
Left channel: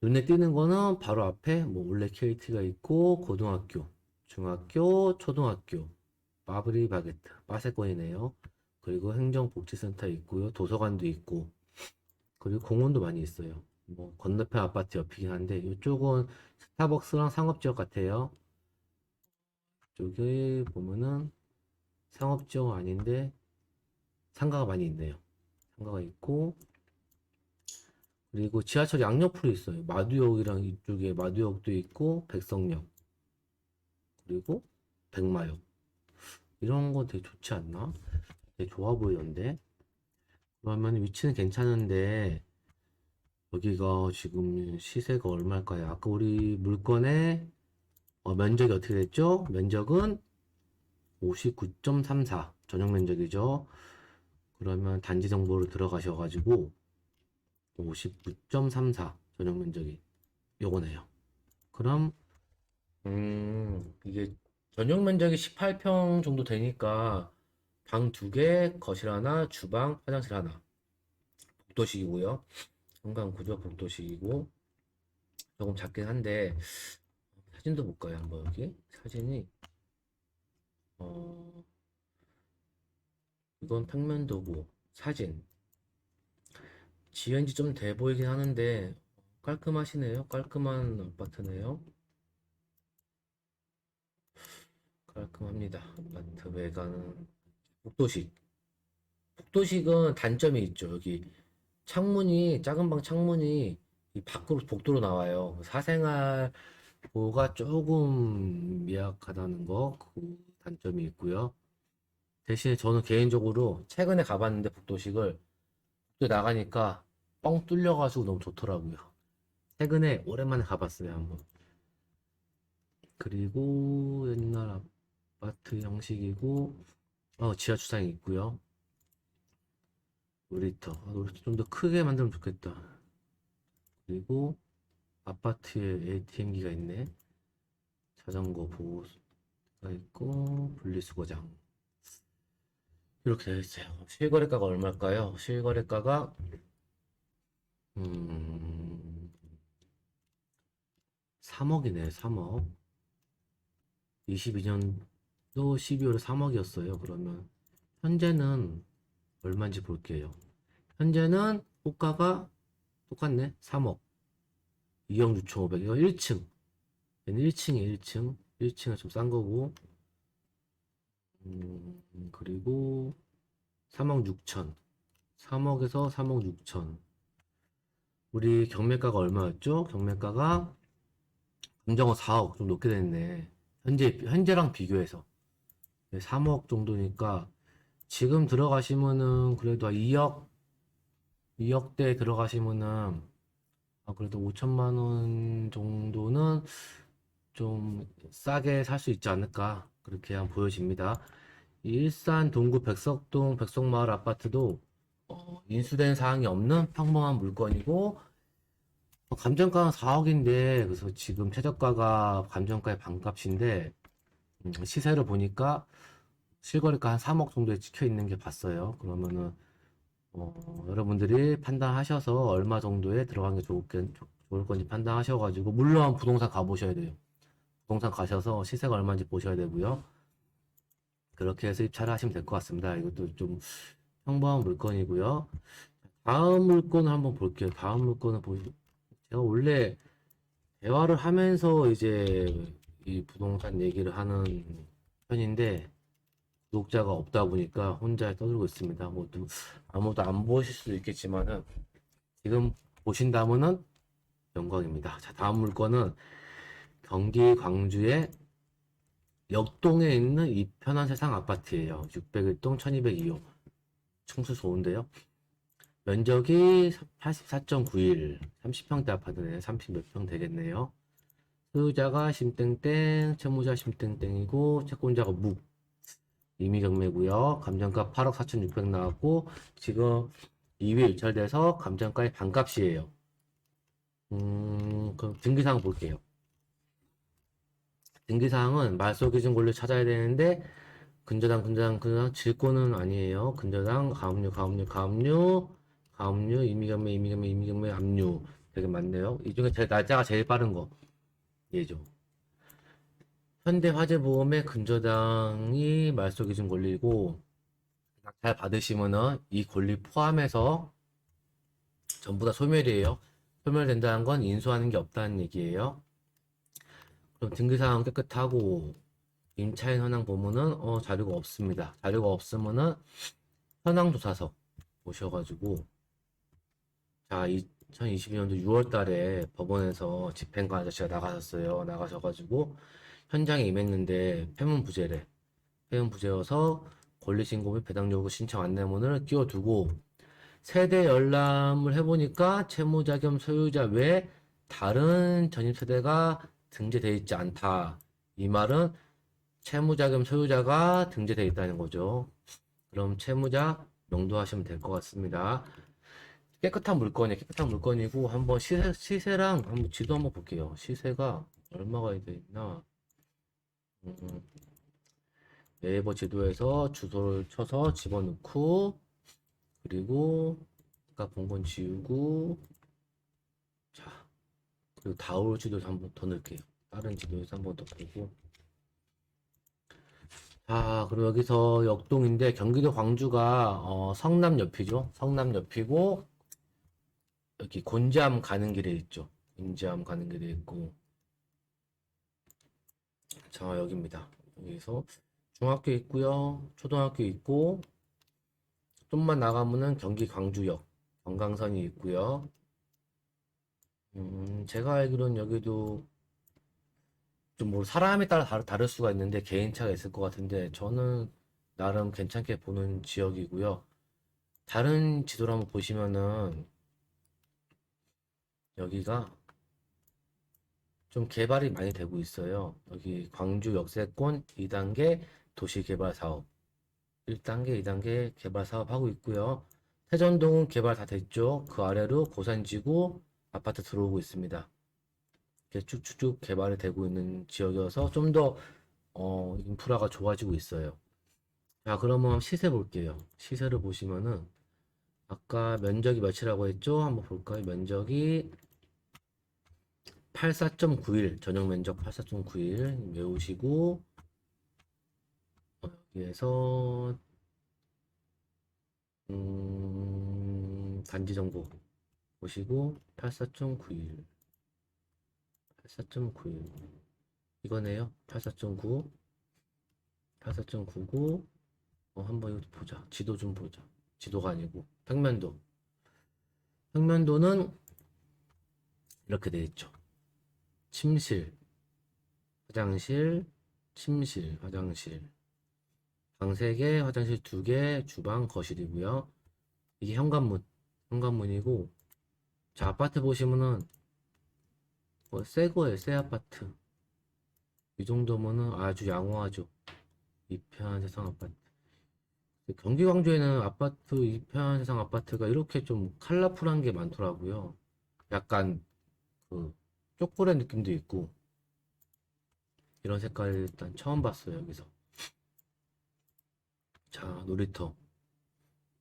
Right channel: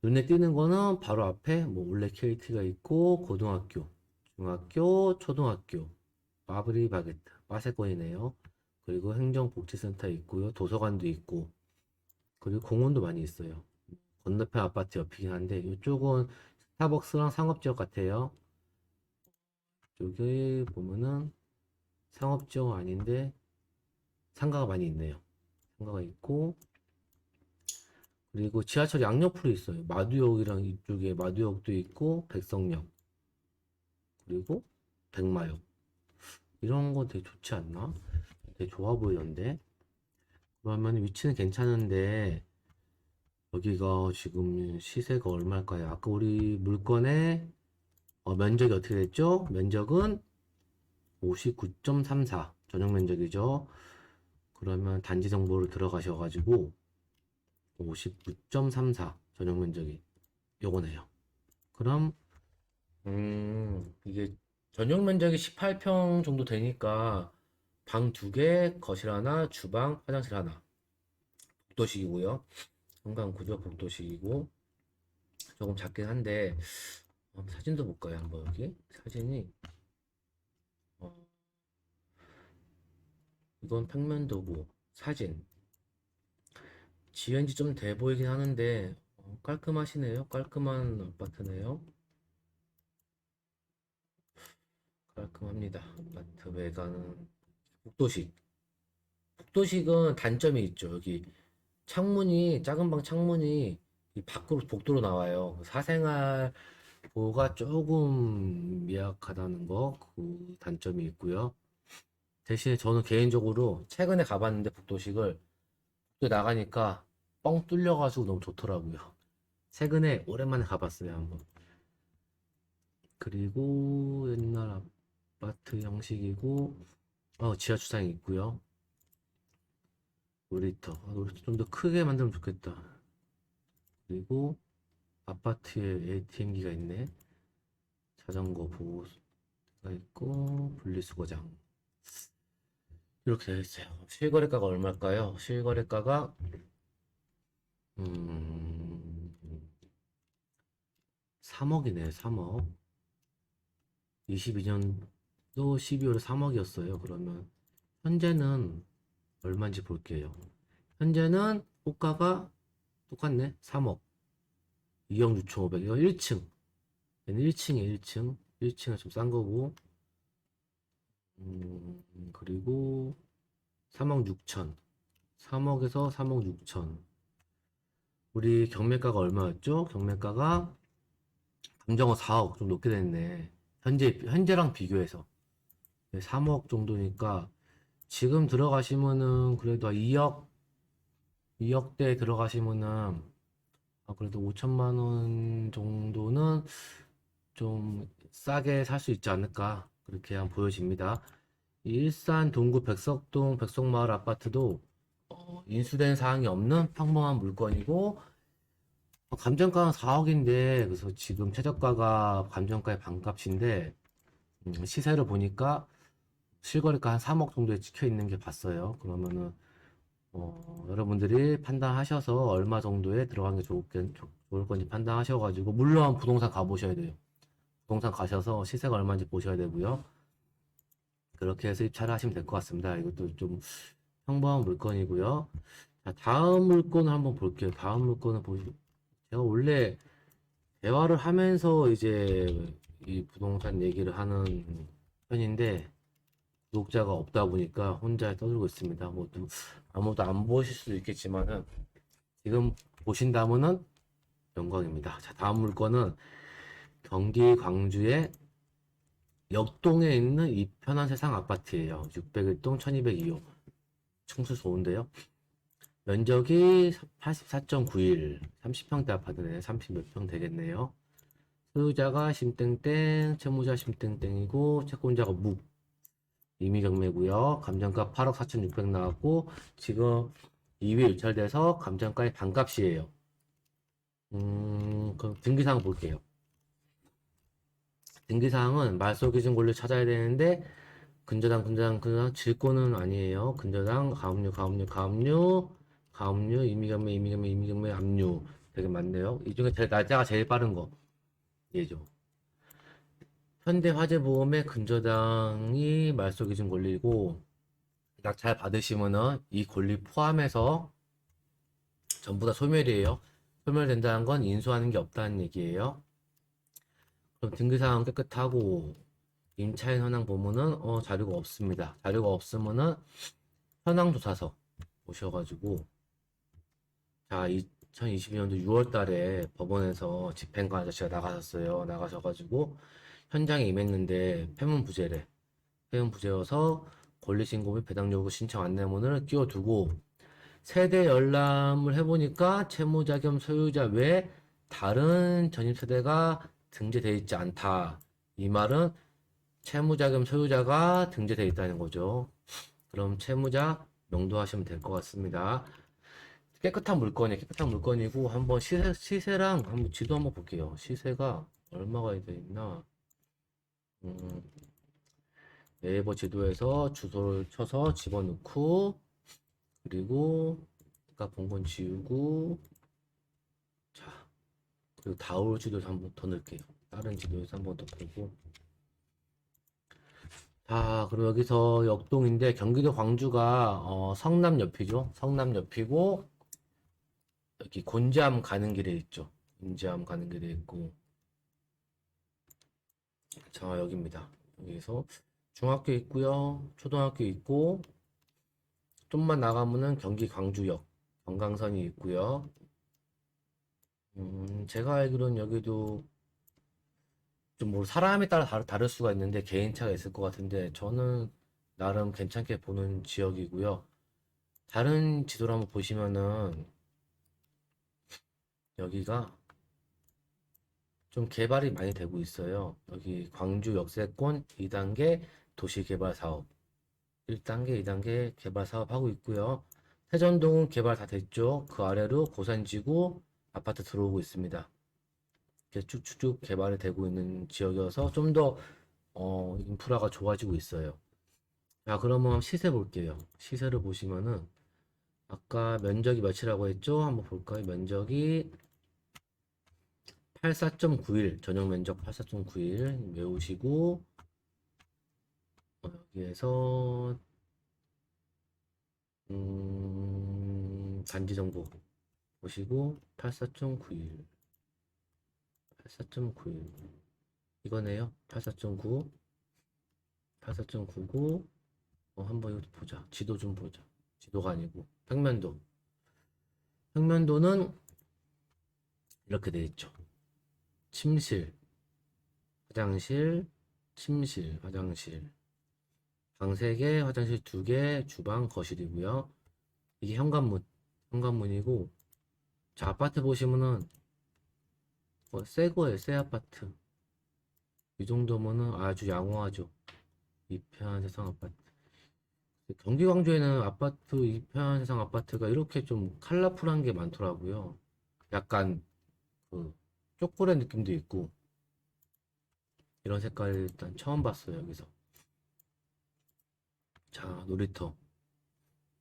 눈에 띄는 거는 바로 앞에 뭐 올레 KT가 있고, 고등학교, 중학교, 초등학교, 마브리 바게트, 빠세권이네요. 그리고 행정복지센터 있고요. 도서관도 있고, 그리고 공원도 많이 있어요. 뭐 건너편 아파트 옆이긴 한데 이쪽은 스타벅스랑 상업지역 같아요. 여기 보면은 상업지역 아닌데 상가가 많이 있네요. 상가가 있고 그리고 지하철 양옆으로 있어요. 마두역이랑 이쪽에 마두역도 있고 백석역 그리고 백마역 이런 거 되게 좋지 않나? 되게 좋아 보이던데. 그러면 위치는 괜찮은데 여기가 지금 시세가 얼마일까요? 아까 우리 물건의 면적이 어떻게 됐죠? 면적은 59.34 전용 면적이죠. 그러면 단지 정보를 들어가셔가지고 59.34 전용 면적이 요거네요. 그럼 이게 전용 면적이 18평 정도 되니까 방 2개, 거실 하나, 주방, 화장실 하나. 복도식이고요. 현관 구조 복도식이고 조금 작긴 한데 사진도 볼까요? 한번 여기 사진이 어, 이건 평면도고 사진 지은 지 좀 돼 보이긴 하는데 깔끔하시네요. 깔끔한 아파트네요. 깔끔합니다. 아파트 외관은 복도식. 복도식은 단점이 있죠. 여기 창문이 작은 방 창문이 이 밖으로 복도로 나와요. 사생활 보호가 조금 미약하다는 거 그 단점이 있고요. 대신에 저는 개인적으로 최근에 가봤는데 복도식을 또 나가니까 뻥 뚫려가지고 너무 좋더라고요. 최근에 오랜만에 가봤어요 한번. 그리고 옛날 아파트 형식이고 지하 주차장이 있고요. 놀이터 좀 더 크게 만들면 좋겠다. 그리고 아파트에 ATM기가 있네. 자전거 보호소가 있고 분리수거장 이렇게 되어 있어요. 실거래가가 얼마일까요? 실거래가가 음, 3억이네. 3억. 22년도 12월에 3억이었어요. 그러면 현재는 얼마인지 볼게요. 현재는 호가가 똑같네. 3억. 2억 6,500. 이거 1층. 얘는 1층이 1층. 1층은 좀 싼 거고. 그리고 3억 6천. 3억에서 3억 6천. 우리 경매가가 얼마였죠? 경매가가 감정어 4억 좀 높게 됐네. 현재랑 비교해서. 3억 정도니까 지금 들어가시면은 그래도 2억대 들어가시면은 그래도 5천만 원 정도는 좀 싸게 살 수 있지 않을까 그렇게 한번 보여집니다. 일산 동구 백석동 백석마을 아파트도 인수된 사항이 없는 평범한 물건이고 감정가는 4억인데 그래서 지금 최저가가 감정가의 반값인데 시세를 보니까 실거래가 한 3억 정도에 찍혀 있는 게 봤어요. 그러면은 여러분들이 판단하셔서 얼마 정도에 들어가는 게 좋을 건지 판단하셔가지고 물론 부동산 가보셔야 돼요. 부동산 가셔서 시세가 얼마인지 보셔야 되고요. 그렇게 해서 입찰을 하시면 될 것 같습니다. 이것도 좀 평범한 물건이고요. 자, 다음 물건을 한번 볼게요. 다음 물건을 제가 원래 대화를 하면서 이제 이 부동산 얘기를 하는 편인데 구독자가 없다 보니까 혼자 떠들고 있습니다. 아무도 안 보실 수도 있겠지만은 지금 보신다면은 영광입니다. 자, 다음 물건은 경기 광주의 역동에 있는 이 편한 세상 아파트예요. 601동 1202호. 층수 좋은데요. 면적이 84.91, 30평대 아파트네. 30 몇 평 되겠네요. 소유자가 심땡땡, 채무자 심땡땡이고 채권자가 이미 경매고요. 감정가 8억 4,600 나왔고 지금 2회 유찰돼서 감정가의 반값이에요. 그럼 등기사항 볼게요. 등기사항은 말소기준 권리 찾아야 되는데 근저당 질권은 아니에요. 근저당 가압류 이미경매 압류 되게 많네요. 이 중에 날짜가 제일 빠른 거 얘죠. 현대화재보험의 근저당이 말소기준 권리고 딱 잘 받으시면은 이 권리 포함해서 전부 다 소멸이에요. 소멸된다는 건 인수하는 게 없다는 얘기예요. 그럼 등기사항 깨끗하고 임차인 현황 보면은 자료가 없습니다. 자료가 없으면은 현황조사서 오셔가지고 자 2022년도 6월 달에 법원에서 집행관 아저씨가 나가셨어요. 나가셔가지고 현장에 임했는데 폐문부재래. 폐문부재여서 권리신고 및 배당 요구 신청 안내문을 끼워두고 세대 열람을 해보니까 채무자 겸 소유자 외 다른 전입세대가 등재되어 있지 않다. 이 말은 채무자 겸 소유자가 등재되어 있다는 거죠. 그럼 채무자 명도하시면 될 것 같습니다. 깨끗한 물건이고 한번 시세랑 한번 지도 한번 볼게요. 시세가 얼마가 돼 있나? 음, 네이버 지도에서 주소를 쳐서 집어넣고 그리고 아까 본 건 지우고 그리고 다올 지도에서 한번 더 넣을게요. 다른 지도에서 한번 더 보고. 자, 그리고 여기서 역동인데 경기도 광주가 성남 옆이죠. 성남 옆이고 여기 곤지암 가는 길에 있죠. 곤지암 가는 길에 있고. 자, 여기입니다. 여기서 중학교 있고요. 초등학교 있고 좀만 나가면은 경기 광주역 경강선이 있고요. 제가 알기로는 여기도 좀 뭐 사람에 따라 다를 수가 있는데 개인차가 있을 것 같은데 저는 나름 괜찮게 보는 지역이고요. 다른 지도를 한번 보시면은 여기가 좀 개발이 많이 되고 있어요. 여기 광주 역세권 2단계 도시개발 사업 1단계, 2단계 개발 사업 하고 있고요. 세전동은 개발 다 됐죠. 그 아래로 고산지구 아파트 들어오고 있습니다. 이렇게 쭉쭉쭉 개발이 되고 있는 지역이어서 좀 더 인프라가 좋아지고 있어요. 자, 그러면 시세 볼게요. 시세를 보시면은 아까 면적이 몇이라고 했죠? 한번 볼까요? 면적이 84.91 전용 면적 84.91 외우시고 여기에서 단지 정보 보시고 84.91 84.91 이거네요. 84.9 84.99 한번 이거 보자. 지도 좀 보자. 지도가 아니고 평면도. 평면도는 이렇게 돼 있죠. 침실, 화장실, 침실, 화장실. 방 3개, 화장실 2개, 주방, 거실이고요. 이게 현관문, 현관문이고 자, 아파트 보시면은 새 거예요. 새 아파트. 이 정도면은 아주 양호하죠. 이편한 세상 아파트. 경기 광주에는 아파트, 이편한 세상 아파트가 이렇게 좀 컬러풀한 게 많더라고요. 약간 그 초콜릿 느낌도 있고 이런 색깔 일단 처음 봤어요. 여기서. 자, 놀이터.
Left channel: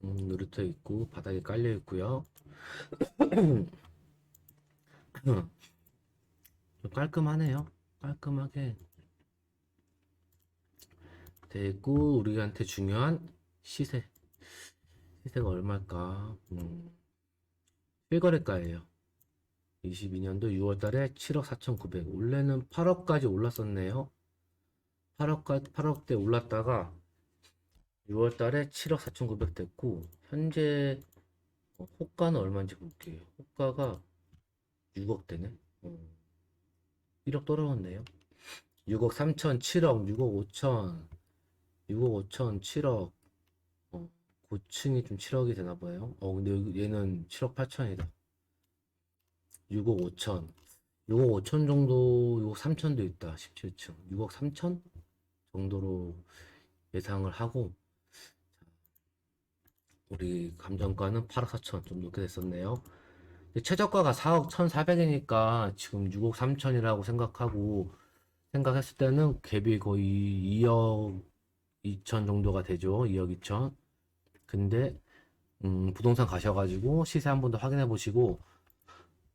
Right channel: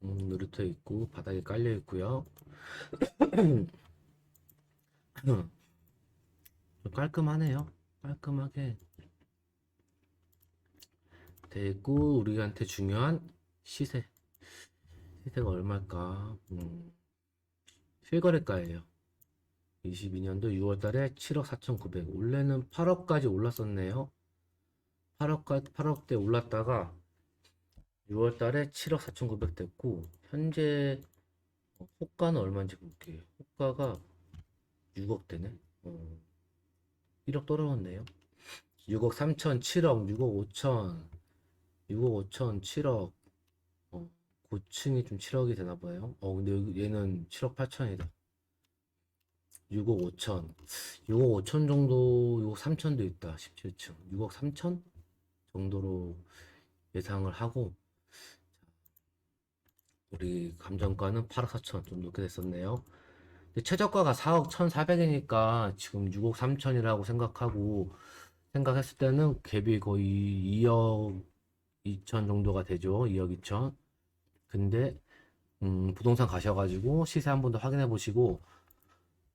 놀이터 있고 바닥에 깔려 있고요. 좀 깔끔하네요. 깔끔하게 돼 있고 우리한테 중요한 시세. 시세가 얼마일까? 실거래가예요. 22년도 6월달에 7억 4,900. 원래는 8억까지 올랐었네요. 8억대 올랐다가 6월달에 7억 4,900 됐고 현재 호가는 얼마인지 볼게요. 호가가 6억대네. 1억 떨어졌네요. 6억 3천, 7억, 6억 5천, 6억 5천, 7억. 고층이 좀 7억이 되나 봐요. 근데 얘는 7억 8천이다. 6억 5천. 6억 5천 정도, 6억 3천도 있다. 17층. 6억 3천 정도로 예상을 하고, 우리 감정가는 8억 4천 좀 높게 됐었네요. 근데 최저가가 4억 1,400이니까 지금 6억 3천이라고 생각했을 때는 갭이 거의 2억 2천 정도가 되죠. 2억 2천. 근데 부동산 가셔가지고 시세 한 번 더 확인해 보시고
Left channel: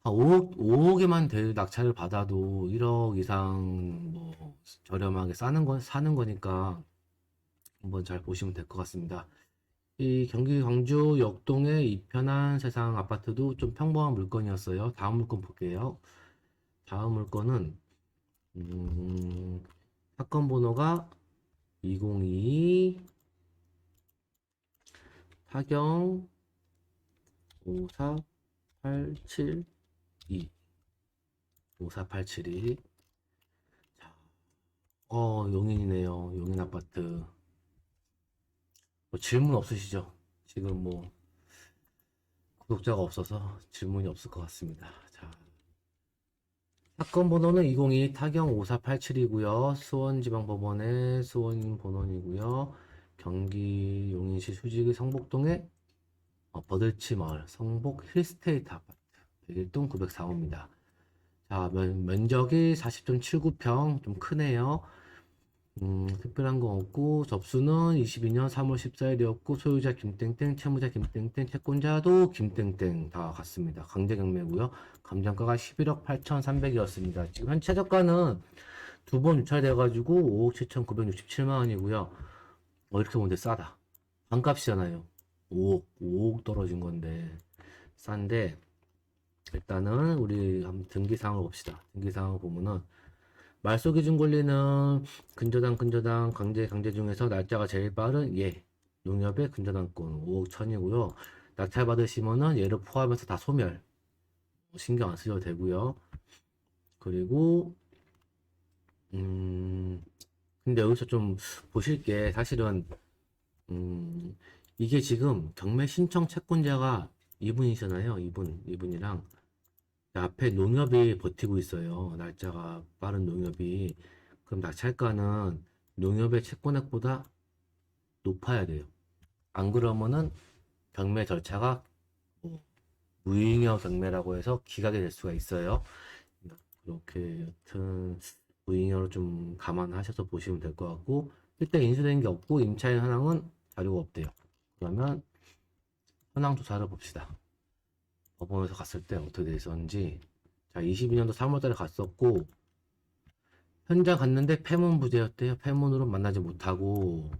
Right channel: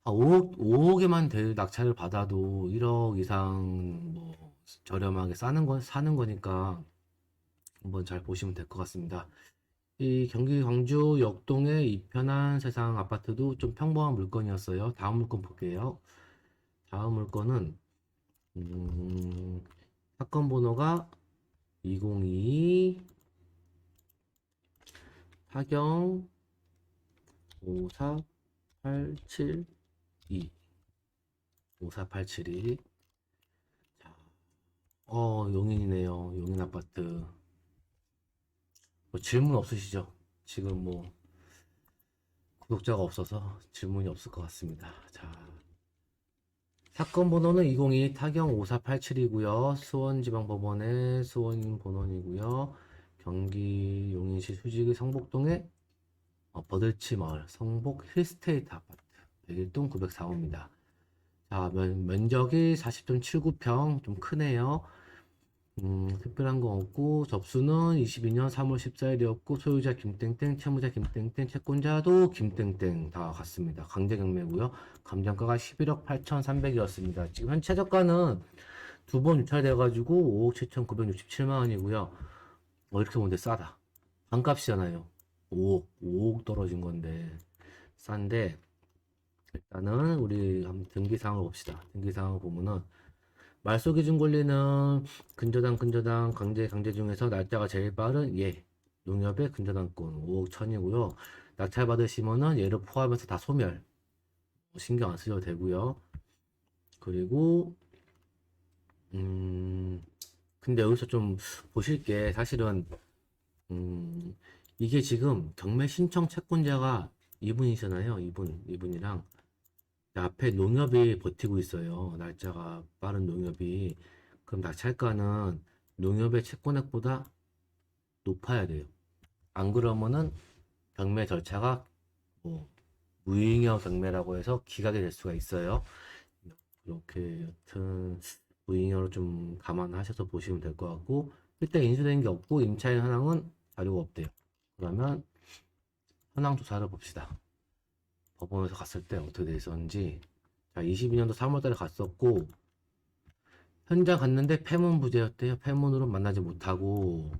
5억에만 될 낙찰을 받아도 1억 이상 뭐 저렴하게 사는 거니까 한번 잘 보시면 될 것 같습니다. 이 경기 광주 역동의 이편한 세상 아파트도 좀 평범한 물건이었어요. 다음 물건 볼게요. 다음 물건은 사건 번호가 202 사경 54872 54872 용인이네요. 용인 아파트. 뭐 질문 없으시죠? 지금 뭐 구독자가 없어서 질문이 없을 것 같습니다. 자, 사건 번호는 202 타경 5487이고요. 수원지방법원의 수원 본원이고요. 경기 용인시 수지구 성북동의 버들치 마을 성북 힐스테이트 아파트 101동 904호입니다. 자, 면적이 40.79평 좀 크네요. 특별한 거 없고, 접수는 22년 3월 14일이었고, 소유자 김땡땡, 채무자 김땡땡, 채권자도 김땡땡 다 같습니다. 강제 경매고요. 감정가가 11억 8,300이었습니다. 지금 현 최저가는 두 번 유찰돼가지고 5억 7,967만 원이고요. 이렇게 보는데 싸다. 반값이잖아요. 5억 떨어진 건데 싼데, 일단은 우리 한번 등기 사항을 봅시다. 등기 사항을 보면은 말소 기준 권리는 근저당 강제 중에서 날짜가 제일 빠른 농협의 근저당권 5억 1천이고요. 낙찰 받으시면은 얘를 포함해서 다 소멸. 신경 안 쓰셔도 되고요. 그리고 근데 여기서 좀 보실 게 사실은 이게 지금 경매 신청 채권자가 이분이잖아요. 이분이랑 앞에 농협이 버티고 있어요. 날짜가 빠른 농협이. 그럼 낙찰가는 농협의 채권액보다 높아야 돼요. 안 그러면은 경매 절차가 뭐 무잉여 경매라고 해서 기각이 될 수가 있어요. 이렇게 여튼 무잉여로 좀 감안하셔서 보시면 될 것 같고, 일단 인수된 게 없고 임차인 현황은 자료가 없대요. 그러면 현황 조사를 봅시다. 법원에서 갔을 때 어떻게 돼 있었는지. 자, 22년도 3월달에 갔었고, 현장 갔는데 폐문 부재였대요. 폐문으로 만나지 못하고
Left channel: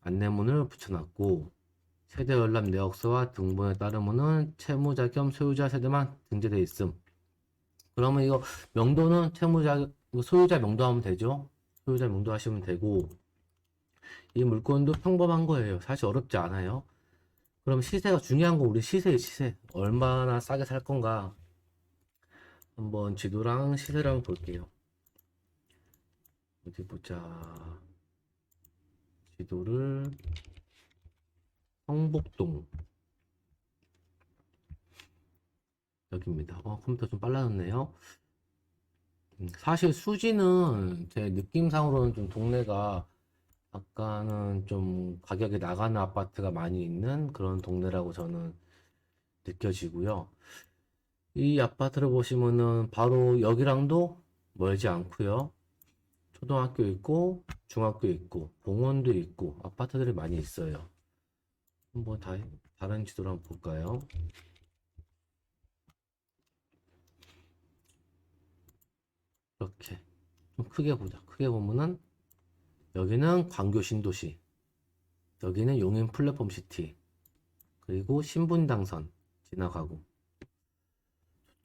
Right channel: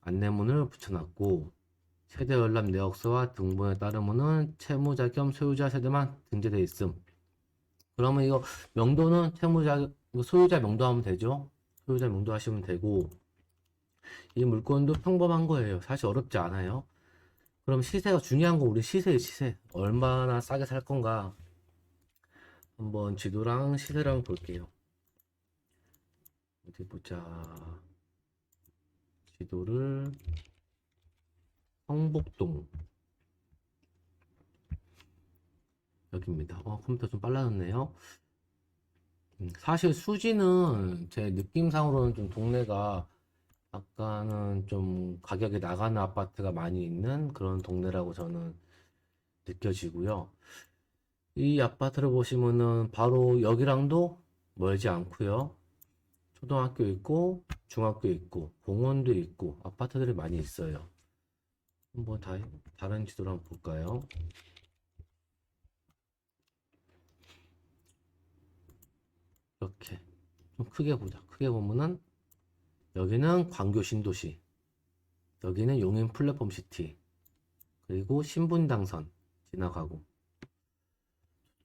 안내문을 붙여놨고, 세대 열람 내역서와 등본에 따르면은 채무자 겸 소유자 세대만 등재돼 있음. 그러면 이거 명도는 소유자 명도하면 되죠. 소유자 명도하시면 되고, 이 물건도 평범한 거예요. 사실 어렵지 않아요. 그럼 시세가 중요한 거, 우리 시세. 얼마나 싸게 살 건가. 한번 지도랑 시세랑 볼게요. 어디 보자. 지도를 성북동 여기입니다. 컴퓨터 좀 빨라졌네요. 사실 수지는 제 느낌상으로는 좀 동네가 약간은 좀 가격이 나가는 아파트가 많이 있는 그런 동네라고 저는 느껴지고요. 이 아파트를 보시면은 바로 여기랑도 멀지 않고요. 초등학교 있고 중학교 있고 공원도 있고 아파트들이 많이 있어요. 한번 다른 지도를 한번 볼까요? 이렇게 좀 크게 보자. 크게 보면은 여기는 광교 신도시, 여기는 용인 플랫폼 시티, 그리고 신분당선 지나가고.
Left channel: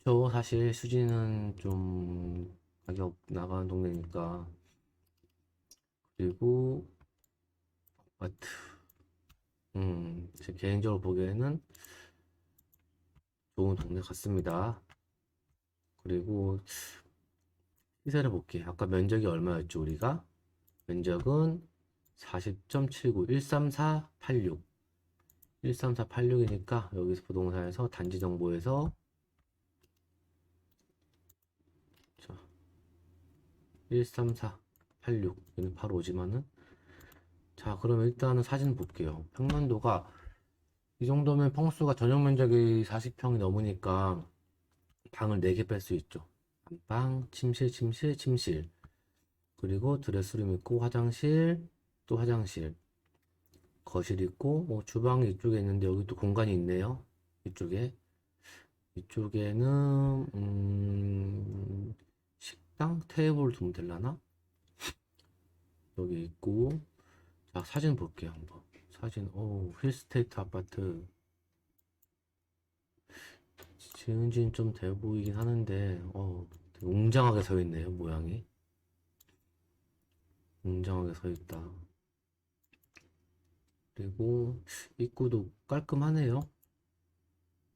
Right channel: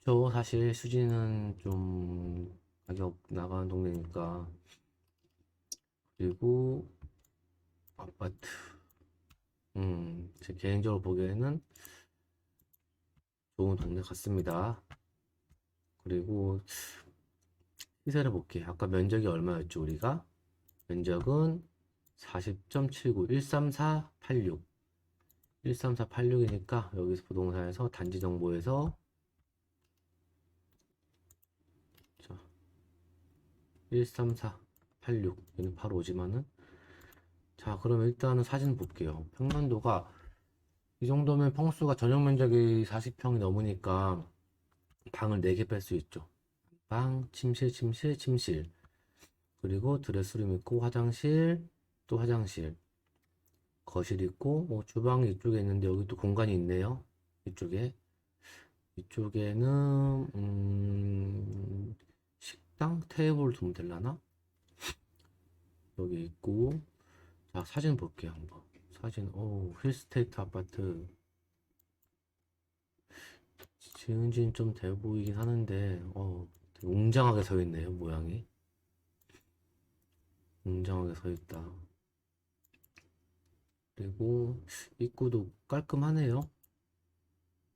저 사실 수지는 좀 가격 나가는 동네니까. 그리고 아파트, 제 개인적으로 보기에는 좋은 동네 같습니다. 그리고 시세를 볼게. 아까 면적이 얼마였죠, 우리가? 면적은 40.79, 13486. 13486이니까 여기서 부동산에서 단지 정보에서 13486 여기 바로 오지만은, 자 그럼 일단은 사진 볼게요. 평면도가 이 정도면 평수가 전용 면적이 40평이 넘으니까 방을 4개 뺄 수 있죠. 방, 침실, 그리고 드레스룸 있고 화장실, 또 화장실, 거실 있고, 주방이 이쪽에 있는데 여기 또 공간이 있네요. 이쪽에는 식당 테이블 두면 되려나? 여기 있고. 자, 사진 볼게요, 한번. 사진, 힐스테이트 아파트. 지은 지는 좀 돼 보이긴 하는데, 되게 웅장하게 서 있네요, 모양이. 웅장하게 서 있다. 그리고 입구도 깔끔하네요.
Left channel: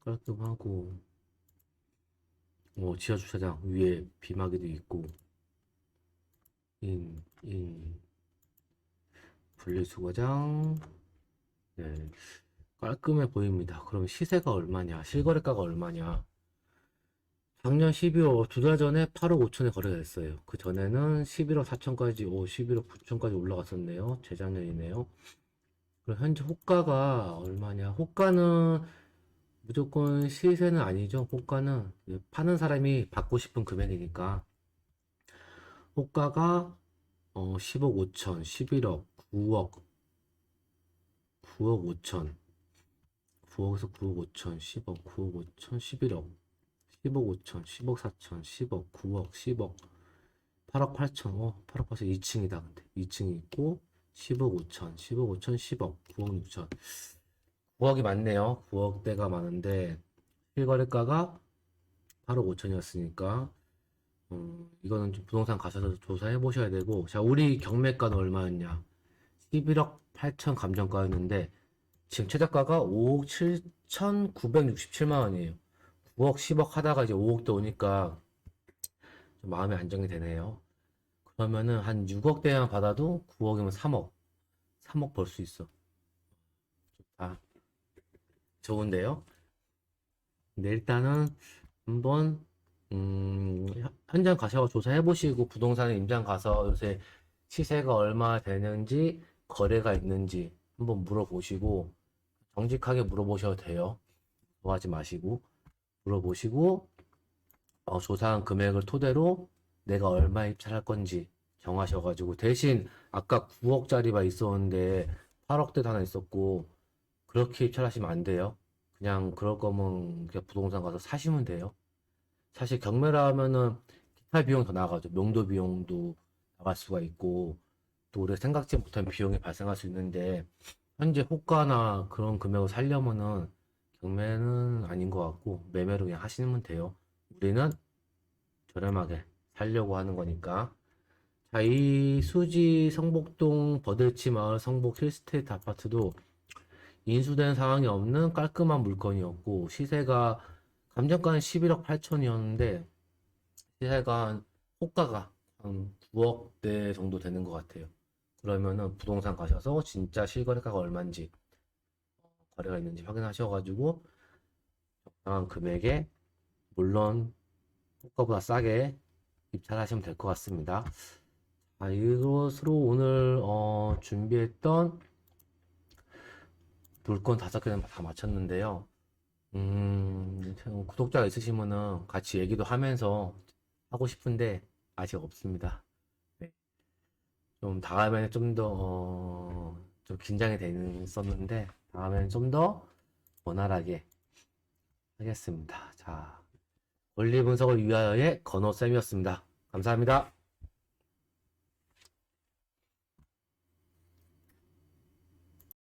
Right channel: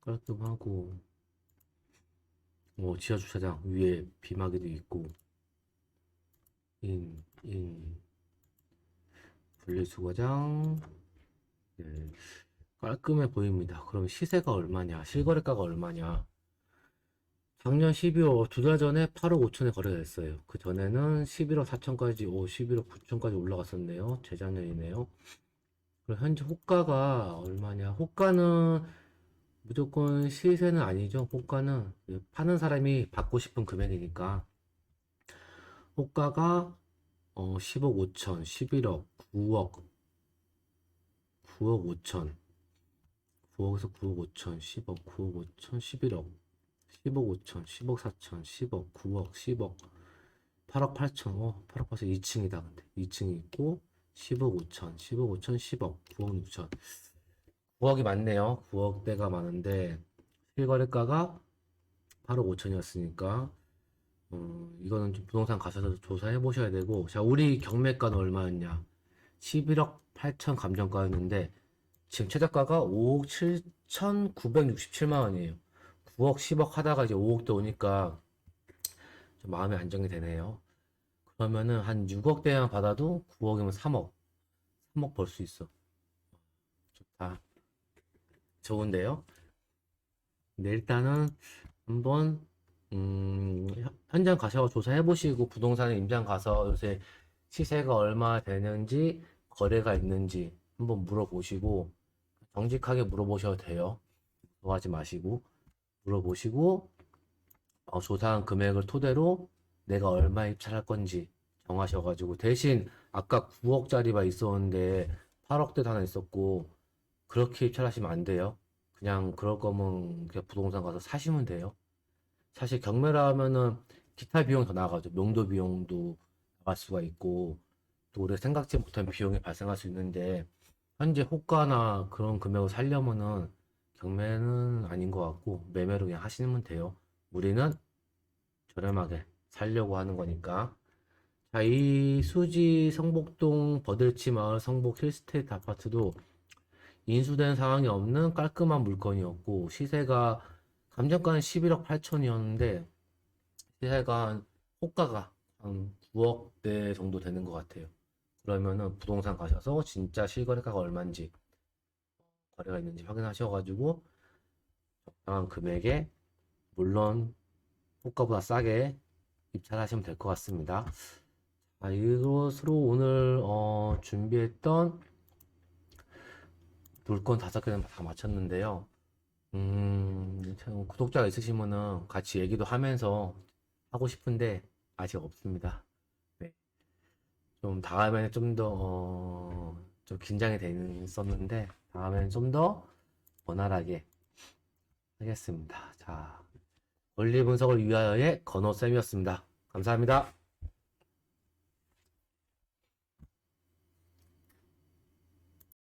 깔끔하고, 지하 주차장 위에 비마개도 있고, 분리수거장, 네, 깔끔해 보입니다. 그럼 시세가 얼마냐? 실거래가가 얼마냐? 작년 12월, 2달 전에 8억 5천에 거래가 됐어요. 그 전에는 11억 4천까지, 11억 9천까지 올라갔었네요. 재작년이네요. 그럼 현재 호가가 얼마냐? 호가는 무조건 시세는 아니죠. 호가는 파는 사람이 받고 싶은 금액이니까. 호가가 10억 5천, 11억, 9억, 9억 5천, 9억에서 9억 5천, 10억, 9억 5천, 11억, 10억 5천, 10억 4천, 10억, 9억, 10억, 8억 8천, 8억 8천 2층이다. 근데 2층이 있고 10억 5천, 10억 5천, 10억, 9억 6천. 9억이 많네요. 9억대가 많은데 실거래가가 8억 5천이었으니까 이거는 좀 부동산 가셔서 조사해 보셔야 되고, 자, 우리 경매가는 얼마였냐? 11억 8천 감정가였는데 지금 최저가가 5억 7천967만 원이에요. 9억 10억 하다가 이제 5억대 오니까 좀 마음이 안정이 되네요. 그러면은 한 6억대만 받아도 9억이면 3억 3억 벌 수 있어. 좋다. 좋은데요? 근데 일단은 한번 현장 가셔서 조사해 보시고, 부동산에 임장 가서 요새 시세가 얼마 되는지, 거래가 있는지 한번 물어보시고, 정직하게 물어보셔도 돼요. 좋아하지 마시고 물어보시고, 조사한 금액을 토대로 내가 얼마 입찰할 건지 정하셔가지고, 대신 아까 9억짜리가 있었는데 8억대도 하나 있었고, 그렇게 입찰하시면 안 돼요. 그냥 그럴 거면 그냥 부동산 가서 사시면 돼요. 사실 경매라 하면은 기타 비용 더 나가죠. 명도 비용도 나갈 수가 있고, 또 우리가 생각지 못한 비용이 발생할 수 있는데, 현재 호가나 그런 금액을 살려면은 경매는 아닌 것 같고 매매로 그냥 하시면 돼요. 우리는 저렴하게 살려고 하는 거니까. 자, 이 수지 성북동 버들치 마을 성북 힐스테이트 아파트도 인수된 사항이 없는 깔끔한 물건이었고, 시세가 감정가는 11억 8천이었는데 시세가 호가가 한 9억대 정도 되는 것 같아요. 그러면은 부동산 가셔서 진짜 실거래가가 얼마인지, 거래가 있는지 확인하셔가지고 적당한 금액에, 물론 호가보다 싸게 입찰하시면 될 것 같습니다. 이것으로 오늘 준비했던 물건 5개는 다 마쳤는데요. 구독자가 있으시면은 같이 얘기도 하면서 하고 싶은데 아직 없습니다. 네. 좀 다음에는 좀 더, 좀 긴장이 됐었는데, 다음에는 좀 더 원활하게 하겠습니다. 자, 원리 분석을 위하여의 건호쌤이었습니다. 감사합니다.